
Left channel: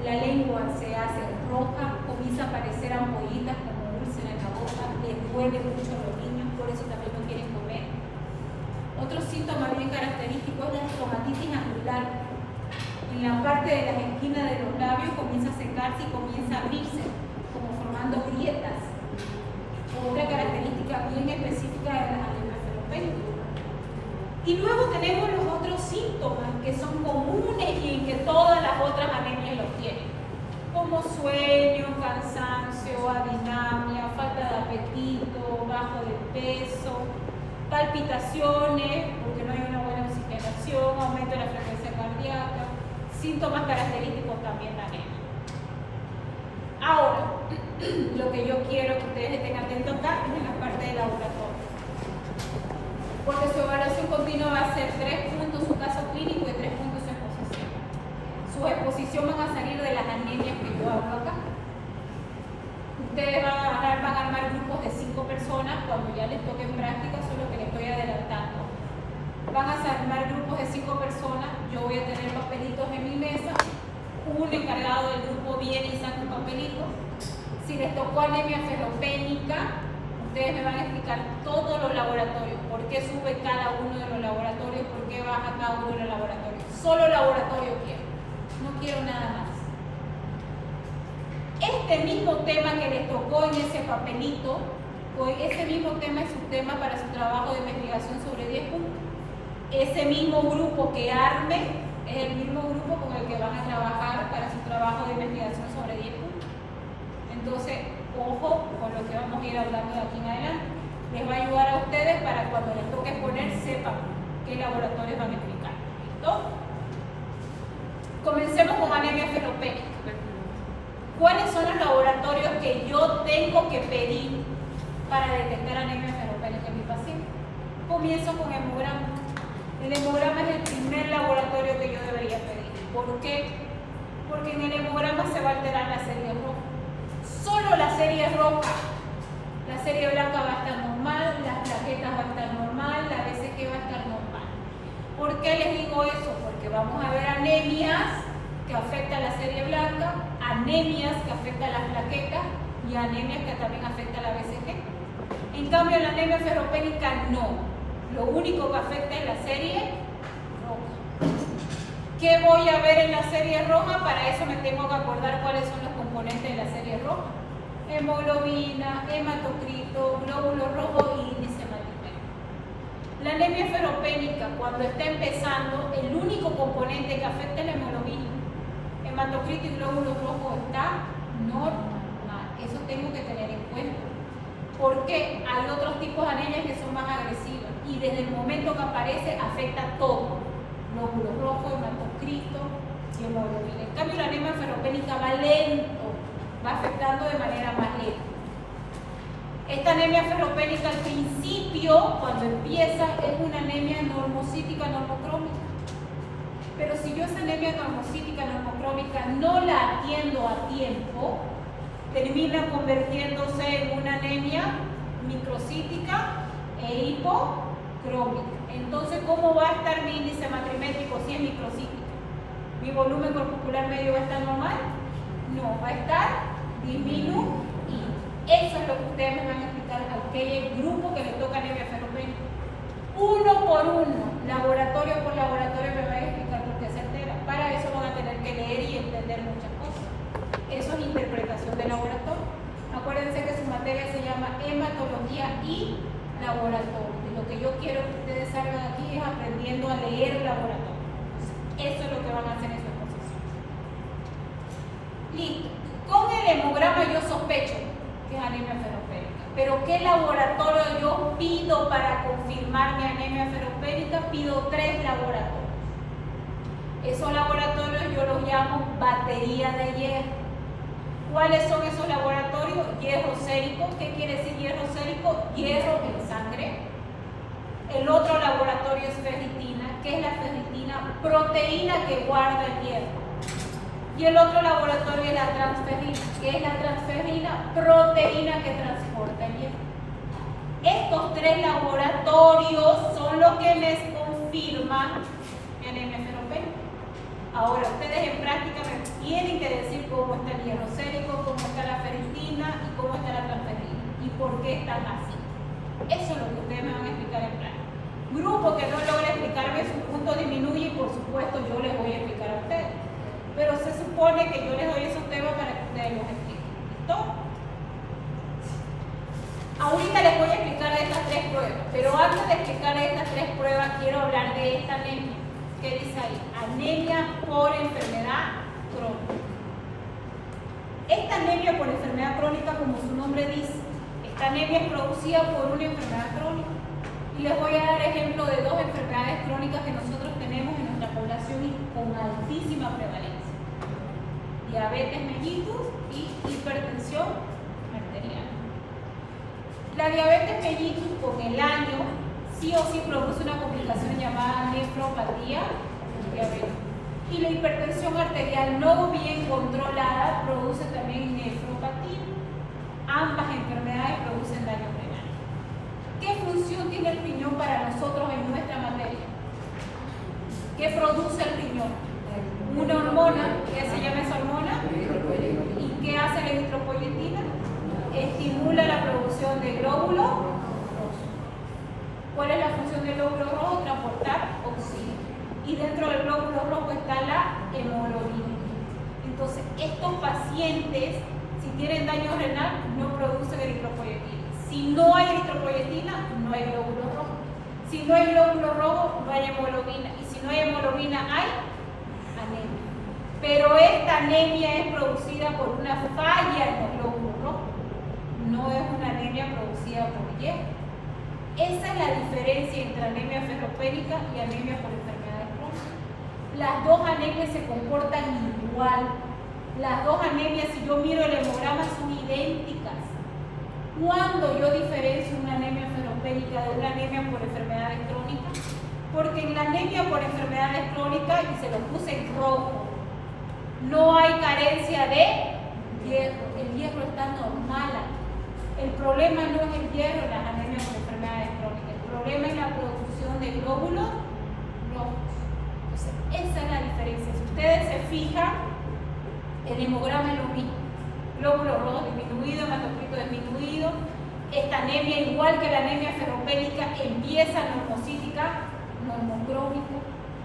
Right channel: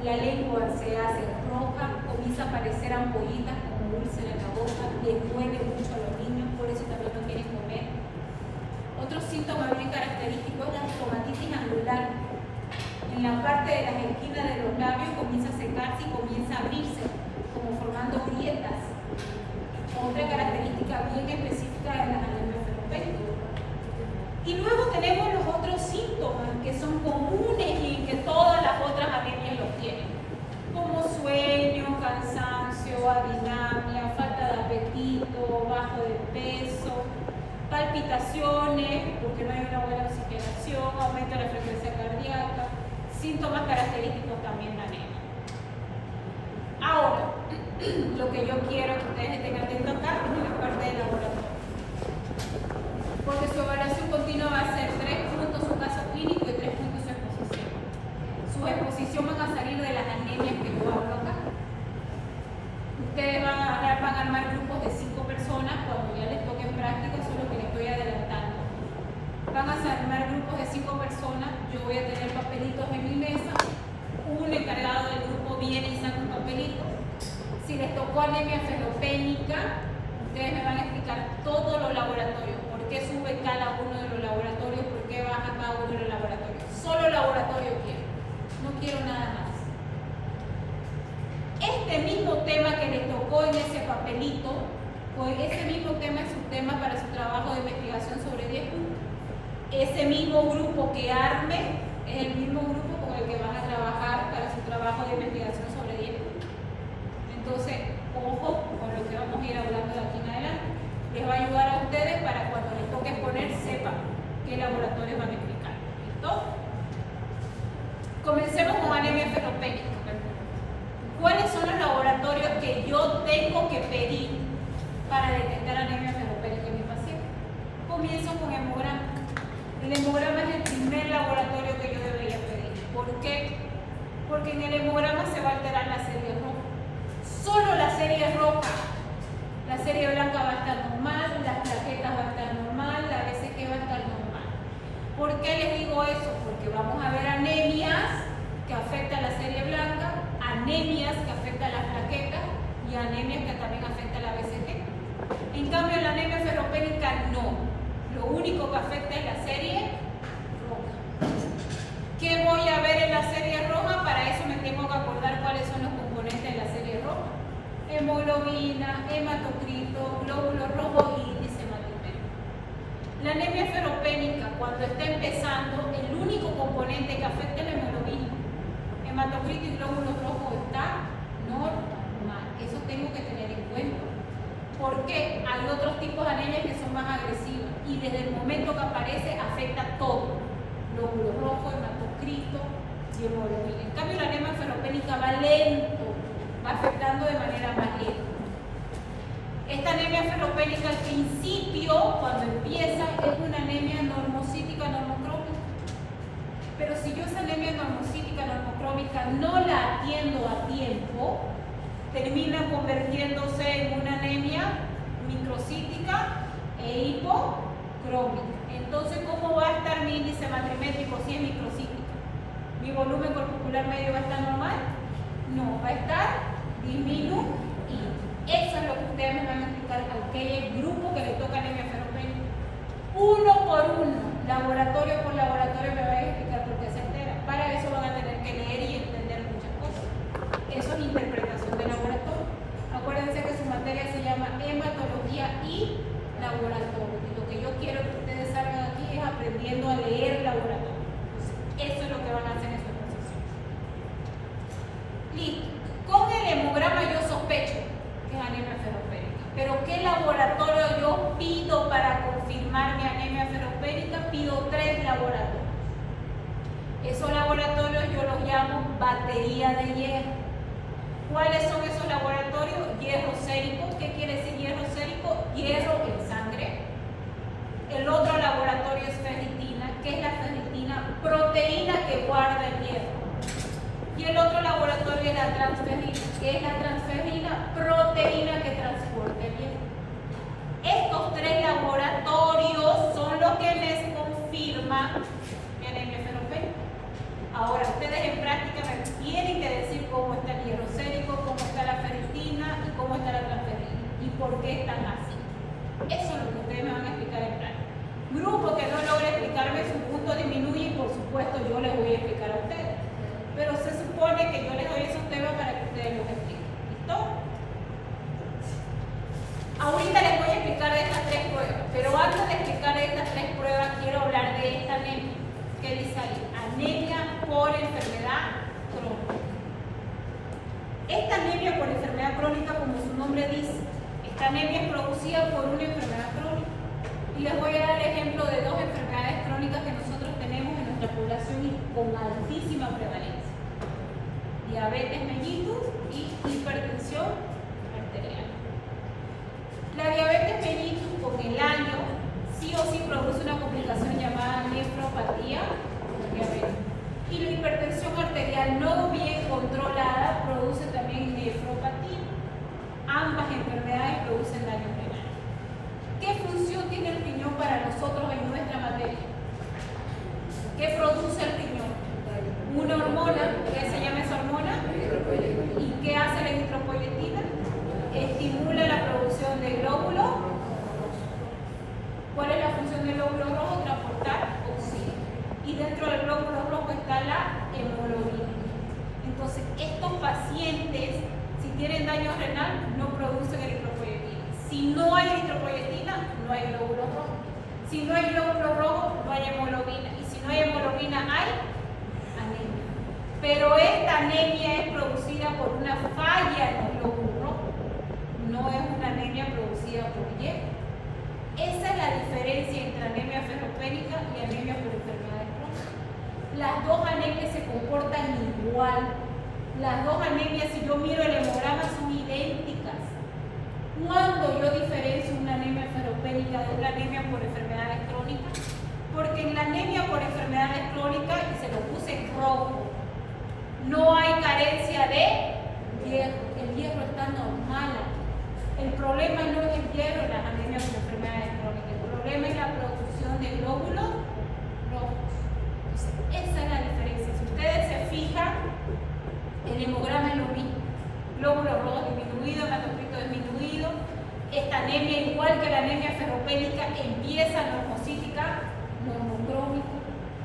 La lengua se hace roja, comienza a aparecer ampollitas como úlceras en la boca, les duele mucho a los niños, por eso también no quieren comer. Otro síntoma bien característico es la estomatitis angular. En la parte de las esquinas de los labios comienza a secarse y comienza a abrirse, como formando grietas. Otra característica bien específica de las anemias ferropénicas. Y luego tenemos los otros síntomas que son comunes y en que todas las otras anemias los tienen, como sueño, cansancio, adinamia, falta de apetito, bajo de peso, palpitaciones, porque no hay una buena oxigenación, aumento de la frecuencia cardíaca, síntomas característicos también de anemia. Ahora, lo que yo quiero que ustedes estén atentos acá es en la parte del laboratorio. Porque su evaluación continua va a ser 3 puntos su caso clínico y 3 puntos su exposición. Su exposición van a salir de las anemias que yo hablo acá. Ustedes van a armar grupos de 5 personas cuando ya les toque en práctica, eso es lo que les estoy adelantando. Van a armar grupos de 5 personas, yo voy a tener papelitos en mi mesa, un encargado del grupo viene y saca un papelito. Si les tocó anemia ferropénica, ustedes me van a explicar todos los laboratorios, por qué sube cada uno de los laboratorios, por qué baja cada uno de los laboratorios. Solo laboratorio quiero, no quiero nada más. Este mismo tema que les tocó en ese papelito, pues ese mismo tema es su tema para su trabajo de investigación sobre 10 puntos. Ese mismo grupo que arme es el mismo grupo con el que van a trabajar para su trabajo de investigación sobre 10 puntos. laboratorios van a explicar. ¿Listo? Comencemos con anemia ferropénica. ¿Cuáles son los laboratorios que yo tengo que pedir para detectar anemia ferropénica en mi paciente? Comienzo con hemograma. El hemograma es el primer laboratorio que yo debería pedir. ¿Por qué? Porque en el hemograma se va a alterar la serie roja. Solo la serie roja. La serie blanca va a estar normal, las plaquetas van a estar normal, la BCG va a estar normal. ¿Por qué les digo eso? Porque vamos a ver anemias que afectan la serie blanca, anemias que afectan las plaquetas y anemias que también afectan la BCG. En cambio, la anemia ferropénica no. Lo único que afecta es la serie roja. ¿Qué voy a ver en la serie roja? Para eso me tengo que acordar cuáles son los componentes de la serie roja. Hemoglobina, hematocrito, glóbulos rojos y índice hematocrítico. La anemia ferropénica, cuando está empezando, el único componente que afecta es la hemoglobina. Hematocrito y glóbulos rojos está normal. Eso tengo que tener en cuenta. Porque hay otros tipos de anemias que son más agresivas y desde el momento que aparece afecta todo. Glóbulos rojos, hematocrito y hemoglobina. En cambio, la anemia ferropénica va lento. Va afectando de manera más lenta. Esta anemia ferropénica al principio, cuando empieza, es una anemia normocítica normocrómica. Pero si yo esa anemia normocítica normocrómica no la atiendo a tiempo, termina convirtiéndose en una anemia microcítica e hipocrómica. Entonces, ¿cómo va a estar mi índice hematocrítico si es microcítica? ¿Mi volumen corpuscular medio va a estar normal? No, va a estar disminuido. Eso es lo que ustedes me van a explicar a aquel grupo que le toca anemia ferropénica. Uno por uno, laboratorio por laboratorio me van a explicar por qué se altera. Para eso van a tener que leer y entender muchas cosas. Eso es interpretación de laboratorio. Acuérdense que su materia se llama hematología y laboratorio. Y lo que yo quiero que ustedes salgan aquí es aprendiendo a leer laboratorio. Eso es lo que van a hacer en su exposición. Listo. Con el hemograma yo sospecho que es anemia ferropénica. Pero ¿qué laboratorio yo pido para confirmar mi anemia ferropénica? Pido 3 laboratorios. Esos laboratorios yo los llamo batería de hierro. ¿Cuáles son esos laboratorios? Hierro sérico. ¿Qué quiere decir hierro sérico? Hierro en sangre. El otro laboratorio es ferritina. ¿Qué es la ferritina? Proteína que guarda el hierro. Y el otro laboratorio es la transferrina. ¿Qué es la transferrina? Proteína que transporta el hierro. Estos 3 laboratorios son los que me confirman mi anemia ferropénica. Ahora, ustedes en práctica me tienen que decir cómo está el hierro sérico, cómo está la ferritina y cómo está la transferrina y por qué están así. Eso es lo que ustedes me van a explicar en práctica. Grupo que no logre explicarme su punto disminuye y por supuesto yo les voy a explicar a ustedes. Pero se supone que yo les doy esos temas para que ustedes los expliquen. ¿Listo? Ahorita les voy a explicar de estas 3 pruebas, pero antes de explicar de estas 3 pruebas quiero hablar de esta anemia. ¿Qué dice ahí? Anemia por enfermedad crónica. Esta anemia por enfermedad crónica, como su nombre dice, esta anemia es producida por una enfermedad crónica. Y les voy a dar ejemplo de 2 enfermedades crónicas que nosotros tenemos en nuestra población y con altísima prevalencia. Diabetes mellitus y hipertensión arterial. La diabetes mellitus con el año sí o sí produce una complicación llamada nefropatía diabética. Y la hipertensión arterial no bien controlada produce también nefropatía. Ambas enfermedades producen daño renal. ¿Qué función tiene el riñón para nosotros en nuestra materia? ¿Qué produce el riñón? Una hormona, ¿qué se llama esa hormona? ¿Y qué hace la eritropoyetina? Estimula la producción de glóbulos rojos. ¿Cuál es la función del glóbulo rojo? Transportar oxígeno. Y dentro del glóbulo rojo está la hemoglobina. Entonces, estos pacientes, si tienen daño renal, no producen eritropoyetina. Si no hay eritropoyetina, no hay glóbulo rojo. Si no hay glóbulo rojo, no hay hemoglobina. Y si no hay hemoglobina, hay anemia. Pero esta anemia es producida por una falla en los glóbulos rojos. No es una anemia producida por hierro. Esa es la diferencia entre anemia ferropénica y anemia por enfermedades crónicas. Las dos anemias se comportan igual. Las dos anemias, si yo miro el hemograma, son idénticas. ¿Cuándo yo diferencio una anemia ferropénica de una anemia por enfermedades crónicas? Porque en la anemia por enfermedades crónicas, y se lo puse en rojo, no hay carencia de hierro. El hierro está normal aquí. El problema no es el hierro en las anemias por enfermedades crónicas. El problema es la producción de glóbulos rojos. Entonces, esa es la diferencia. Si ustedes se fijan, el hemograma es lo mismo. Glóbulos rojos disminuidos, hematocrito disminuido. Esta anemia, igual que la anemia ferropénica, empieza normocítica, normocrónica.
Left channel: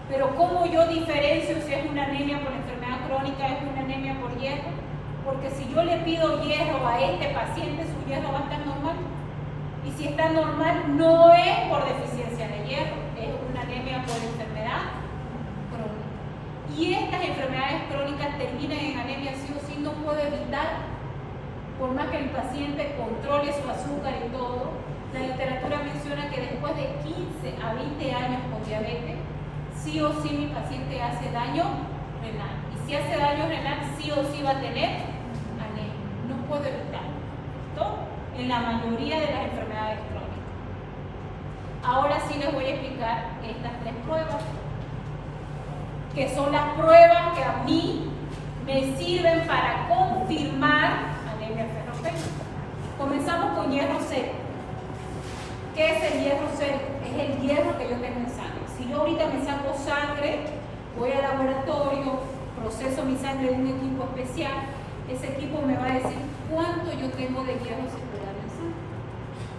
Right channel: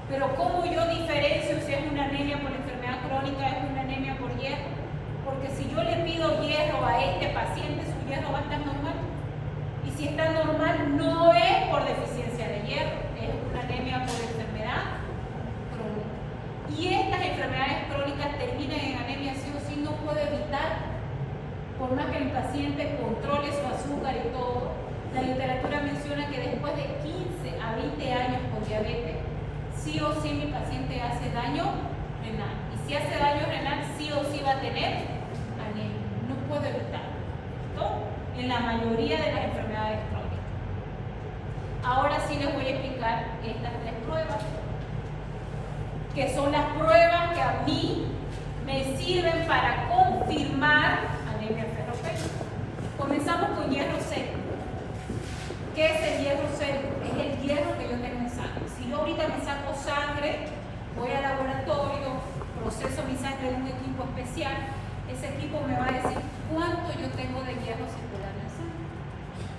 Pero ¿cómo yo diferencio si es una anemia por enfermedad crónica, es una anemia por hierro? Porque si yo le pido hierro a este paciente, su hierro va a estar normal. Y si está normal, no es por deficiencia de hierro, es una anemia por enfermedad crónica. Y estas enfermedades crónicas terminan en anemia sí o sí, no puedo evitar. Por más que el paciente controle su azúcar y todo, la literatura menciona que después de 15 a 20 años con diabetes, sí o sí mi paciente hace daño renal. Y si hace daño renal, sí o sí va a tener anemia. No puedo evitarlo. ¿Listo? En la mayoría de las enfermedades crónicas. Ahora sí les voy a explicar estas 3 pruebas, que son las pruebas que a mí me sirven para confirmar anemia ferropénica. Comenzamos con hierro sérico. ¿Qué es el hierro sérico? Es el hierro que yo tengo en sangre. Si yo ahorita me saco sangre, voy al laboratorio, proceso mi sangre de un equipo especial, ese equipo me va a decir cuánto yo tengo de hierro circular en sangre.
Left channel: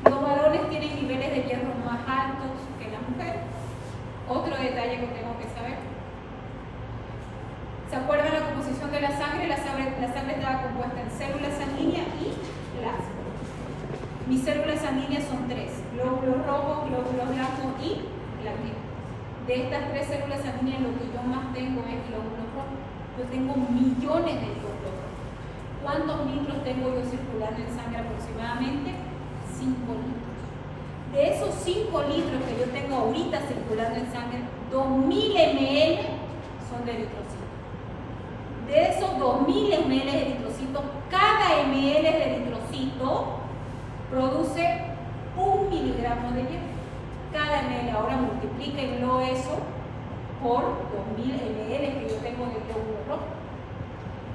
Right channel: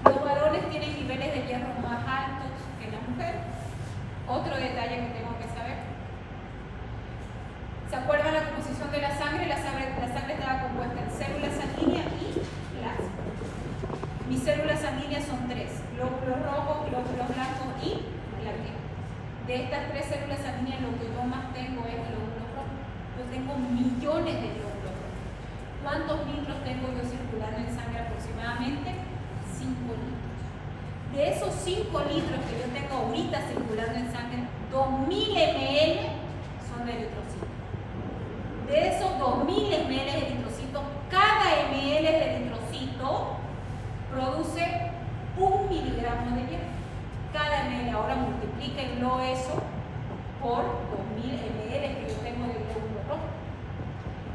Los varones tienen niveles de hierro más altos que las mujeres. Otro detalle que tengo que saber. ¿Se acuerdan la composición de la sangre? La sangre estaba compuesta en células sanguíneas y plasma. Mis células sanguíneas son 3, glóbulos rojos, glóbulos blancos y plaquetas. De estas 3 células sanguíneas, lo que yo más tengo es glóbulos rojos. Yo tengo millones de glóbulos rojos. ¿Cuántos litros tengo yo circulando en sangre aproximadamente? 5 litros. De esos 5 litros que yo tengo ahorita circulando en sangre, 2000 ml son de eritrocitos. De esos 2000 ml de eritrocitos, cada ml de eritrocito produce 1 miligramo de hierro. Cada ml, ahora multiplíquenlo eso por 2000 ml que yo tengo de glóbulo rojo.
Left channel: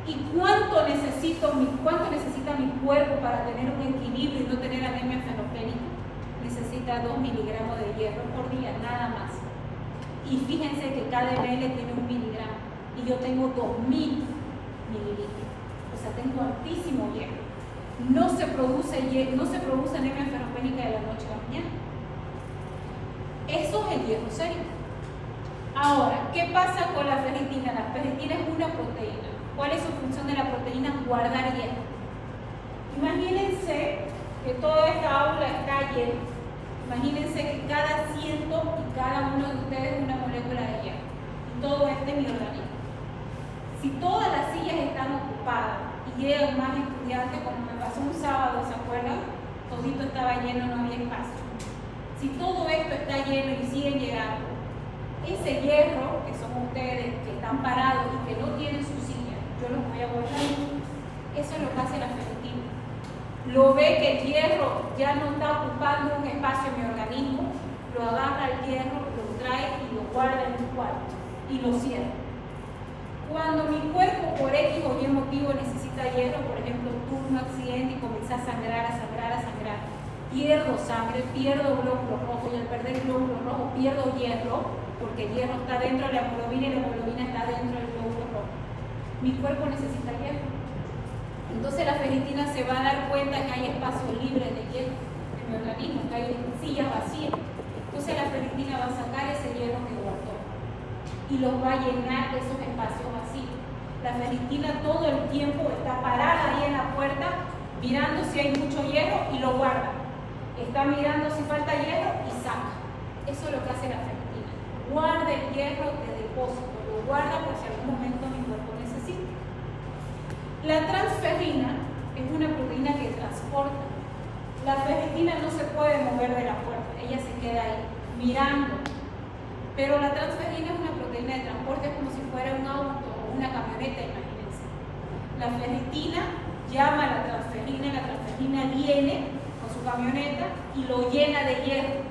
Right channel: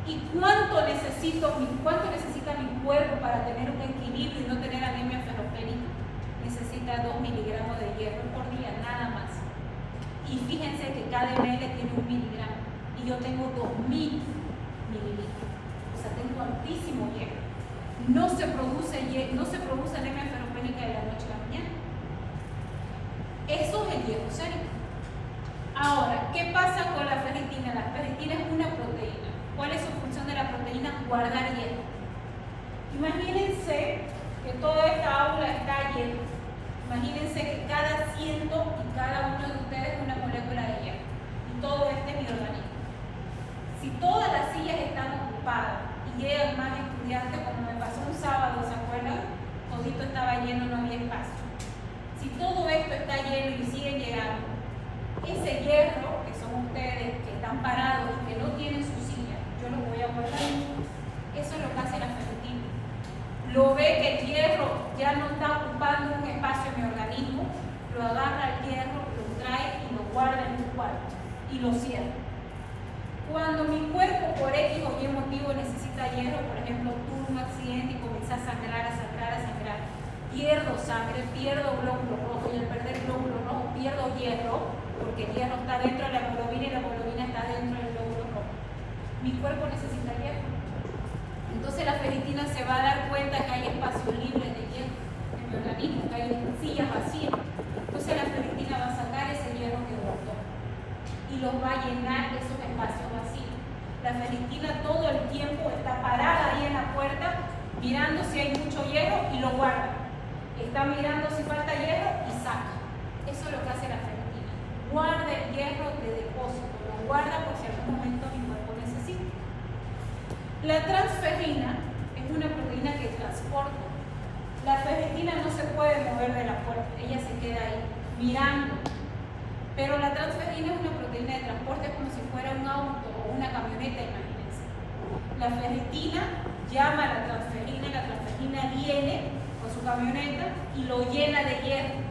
¿Y cuánto necesita mi cuerpo para tener un equilibrio y no tener anemia ferropénica? Necesita 2 miligramos de hierro por día, nada más. Y fíjense que cada ml tiene 1 miligramo y yo tengo 2000 mililitros. O sea, tengo altísimo hierro. No se produce anemia ferropénica de la noche a la mañana. Eso es el hierro sérico. Ahora, ¿qué pasa con la ferritina? La ferritina es una proteína. ¿Cuál es su función de la proteína? Guardar hierro. Imagínense que toda esta aula está llena. Imagínense que cada ciento y cada uno de ustedes es una molécula de hierro. Y todo este es mi organismo. Si todas las sillas están ocupadas y llegan más estudiantes, como me pasó un sábado, ¿se acuerdan? Todito estaba lleno, no había espacio. Si todo esto está lleno y siguen llegando, ese hierro, que son ustedes que están parados y que no tienen su silla, yo los voy a guardar. Eso es lo que hace la ferritina. Lo ve que el hierro ya no está ocupando un espacio en mi organismo, lo agarra el hierro, lo trae y lo guarda en un cuarto y lo cierra. Cuando mi cuerpo por X o Y motivo necesita hierro, por ejemplo, tuve un accidente y comencé a sangrar, pierdo sangre, pierdo glóbulos rojos, y al perder glóbulos rojos pierdo hierro, porque el hierro está dentro de la hemoglobina y la hemoglobina está dentro del glóbulo rojo. Mi cuerpo necesita hierro. Entonces la ferritina se va a dar cuenta que hay espacios libres de hierro en mi organismo, que hay sillas vacías. Entonces la ferritina va a sacar ese hierro que guardó y los va a llenar de esos espacios vacíos. La ferritina todo el tiempo está parada ahí en la puerta, mirando si hay mucho hierro y lo guarda. Está mirando si falta hierro y saca. Eso es lo que hace la ferritina. Guarda el hierro de depósito, lo guarda por si algún momento mi cuerpo necesita. La transferrina es una proteína que transporta. La ferritina no se puede mover mover de la puerta, ella se queda ahí mirando. Pero la transferrina es una proteína de transporte, es como si fuera un auto o una camioneta, imagínense. La ferritina llama a la transferrina viene con su camioneta y lo llena de hierro.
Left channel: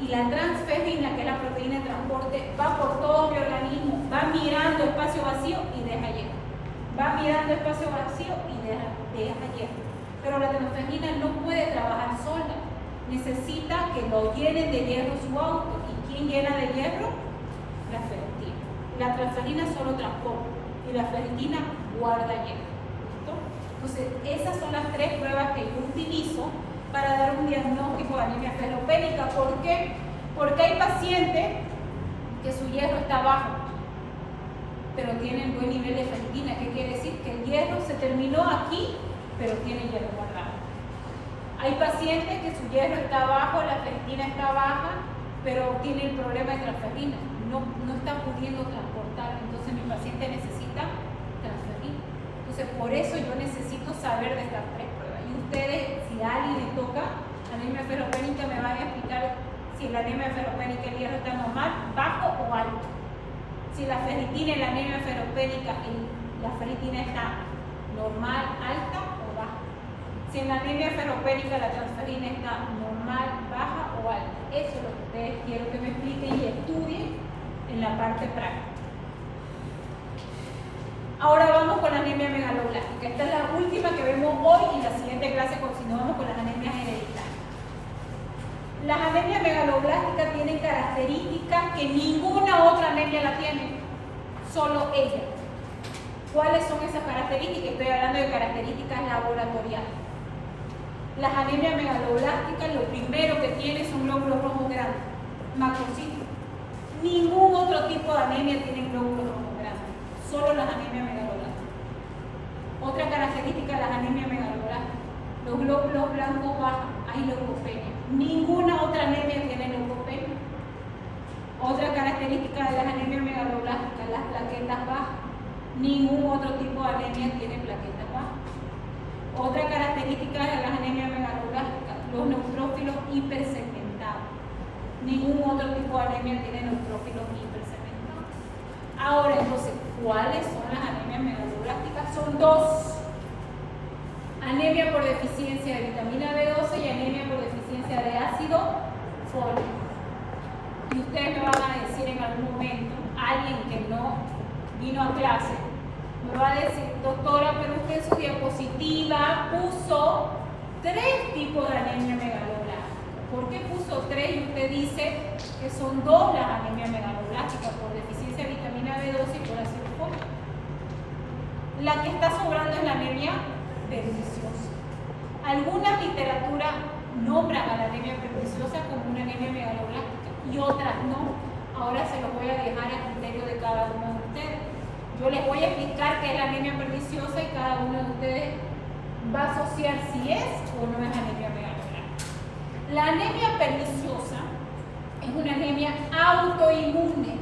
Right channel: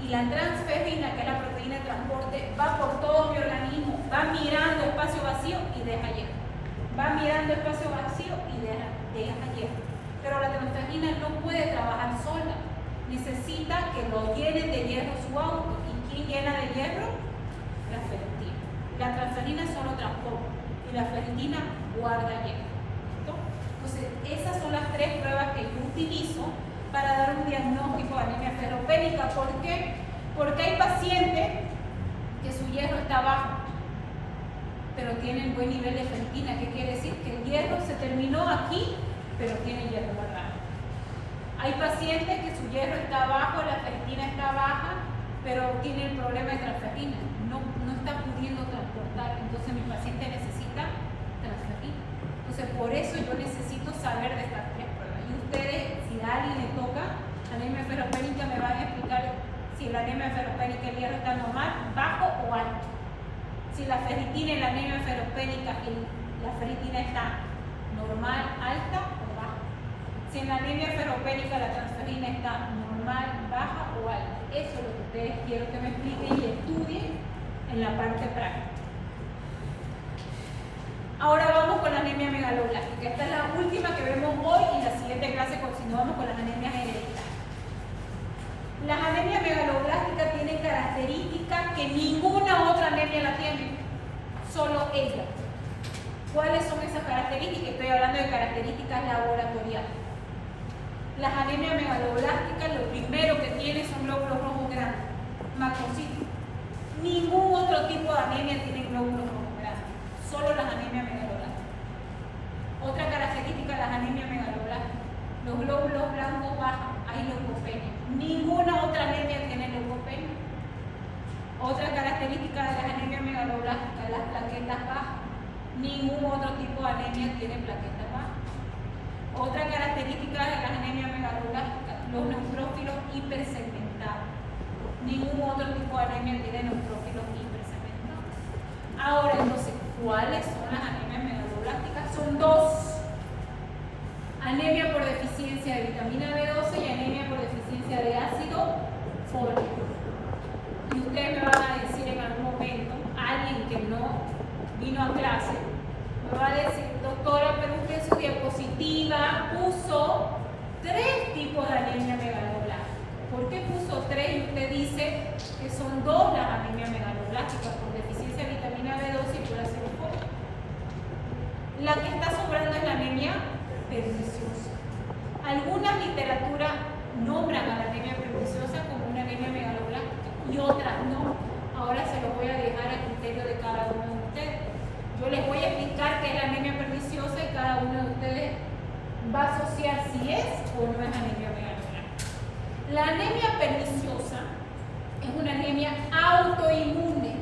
Y la transferrina, que es la proteína de transporte, va por todo mi organismo, va mirando espacio vacío y deja hierro. Va mirando espacio vacío y deja hierro. Pero la transferrina no puede trabajar sola, necesita que lo llenen de hierro su auto. ¿Y quién llena de hierro? La ferritina. La transferrina solo transporta y la ferritina guarda hierro. ¿Listo? Entonces, esas son las tres pruebas que yo utilizo para dar un diagnóstico de anemia ferropénica. ¿Por qué? Porque hay pacientes que su hierro está bajo, pero tienen buen nivel de ferritina. ¿Qué quiere decir? Que el hierro se terminó aquí, pero tiene hierro guardado. Hay pacientes que su hierro está bajo, la ferritina está baja, pero tiene el problema de transferrina. No está pudiendo transportar, entonces mi paciente necesita transferrina. Entonces, por eso yo necesito saber de estas tres pruebas. Y ustedes, si a alguien le toca anemia ferropénica, me van a explicar si la anemia ferropénica el hierro está normal, bajo o alto. Si la ferritina en la anemia ferropénica, la ferritina está normal, alta o baja. Si en la anemia ferropénica la transferrina está normal, baja o alta. Eso es lo que ustedes quiero que me expliquen y estudien en la parte práctica. Ahora vamos con la anemia megaloblástica. Esta es la última que vemos hoy y en la siguiente clase continuamos con las anemias hereditarias. Las anemias megaloblásticas tienen características que ninguna otra anemia la tiene, solo ella. ¿Cuáles son esas características? Estoy hablando de características laboratoriales. Las anemias megaloblásticas lo primero que tienen son glóbulos rojos grandes, macrocitos. Ningún otro tipo de anemia tiene glóbulos rojos grandes, solo las anemias megaloblásticas. Otra característica de las anemias megaloblásticas, los glóbulos blancos bajan, hay leucopenia. Ninguna otra anemia tiene leucopenia. Otra característica de las anemias megaloblásticas, las plaquetas bajas. Ningún otro tipo de anemia tiene plaquetas bajas. Otra característica de las anemias megaloblásticas, los neutrófilos hipersegmentados. Ningún otro tipo de anemia tiene neutrófilos hipersegmentados. Ahora, entonces, ¿cuáles son las anemias megaloblásticas? Son dos. Anemia por deficiencia de vitamina B12 y anemia por deficiencia de ácido fólico. Y ustedes me van a decir en algún momento, alguien que no vino a clase, me va a decir, doctora, pero usted en su diapositiva puso 3 tipos de anemia megaloblástica. ¿Por qué puso 3 y usted dice que son 2 las anemias megaloblásticas, por deficiencia de vitamina B12 y por ácido fólico? La que está sobrando es la anemia perniciosa. Algunas literaturas nombran a la anemia perniciosa como una anemia megaloblástica y otras no. Ahora se los voy a dejar a criterio de cada uno de ustedes. Yo les voy a explicar qué es la anemia perniciosa y cada uno de ustedes va a asociar si es o no es anemia megaloblástica. La anemia perniciosa es una anemia autoinmune.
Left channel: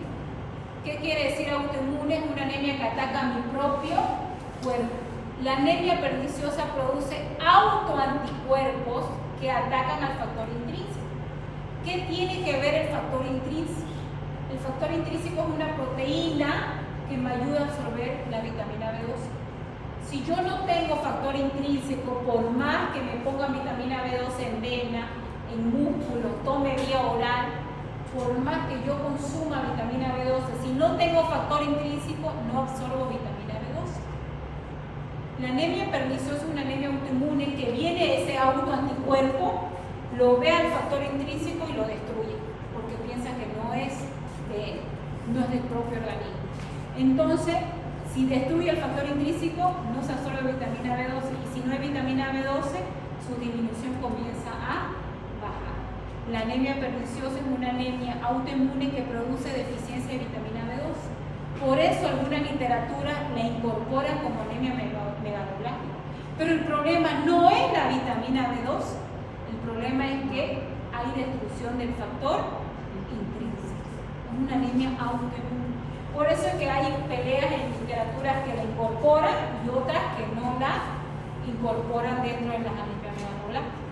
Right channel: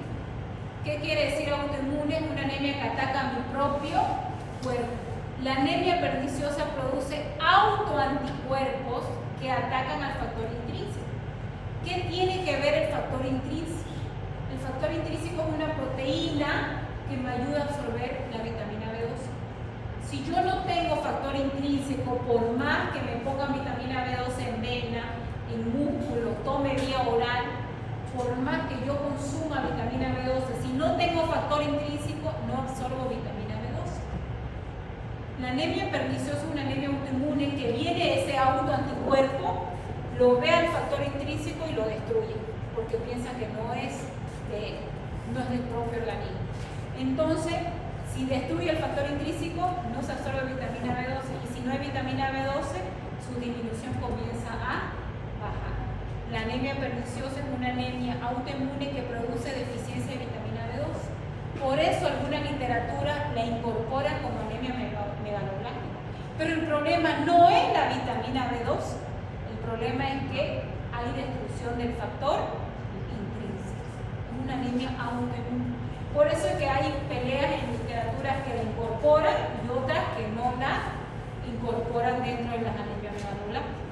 ¿Qué quiere decir autoinmune? Es una anemia que ataca a mi propio cuerpo. La anemia perniciosa produce autoanticuerpos que atacan al factor intrínseco. ¿Qué tiene que ver el factor intrínseco? El factor intrínseco es una proteína que me ayuda a absorber la vitamina B12. Si yo no tengo factor intrínseco, por más que me ponga vitamina B12 en vena, en músculo, tome vía oral, por más que yo consuma vitamina B12, si no tengo factor intrínseco, no absorbo vitamina B12. La anemia perniciosa es una anemia autoinmune que viene ese autoanticuerpo, lo ve al factor intrínseco y lo destruye, porque piensa que no es del propio organismo. Entonces, si destruye el factor intrínseco, no se absorbe vitamina B12, y si no hay vitamina B12, su disminución comienza a bajar. La anemia perniciosa es una anemia autoinmune que produce deficiencia de vitamina B12. Por eso alguna literatura la incorpora como anemia megaloblástica. Pero el problema no es la vitamina B12, el problema es que hay destrucción del factor intrínseco. Es una anemia autoinmune. Por eso es que hay peleas en literaturas que la incorporan y otras que no la incorporan dentro de las anemias megaloblásticas.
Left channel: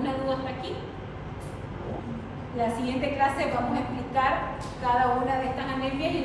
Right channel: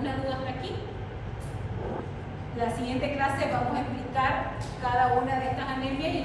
¿Alguna duda hasta aquí? En la siguiente clase vamos a explicar cada una de estas anemias y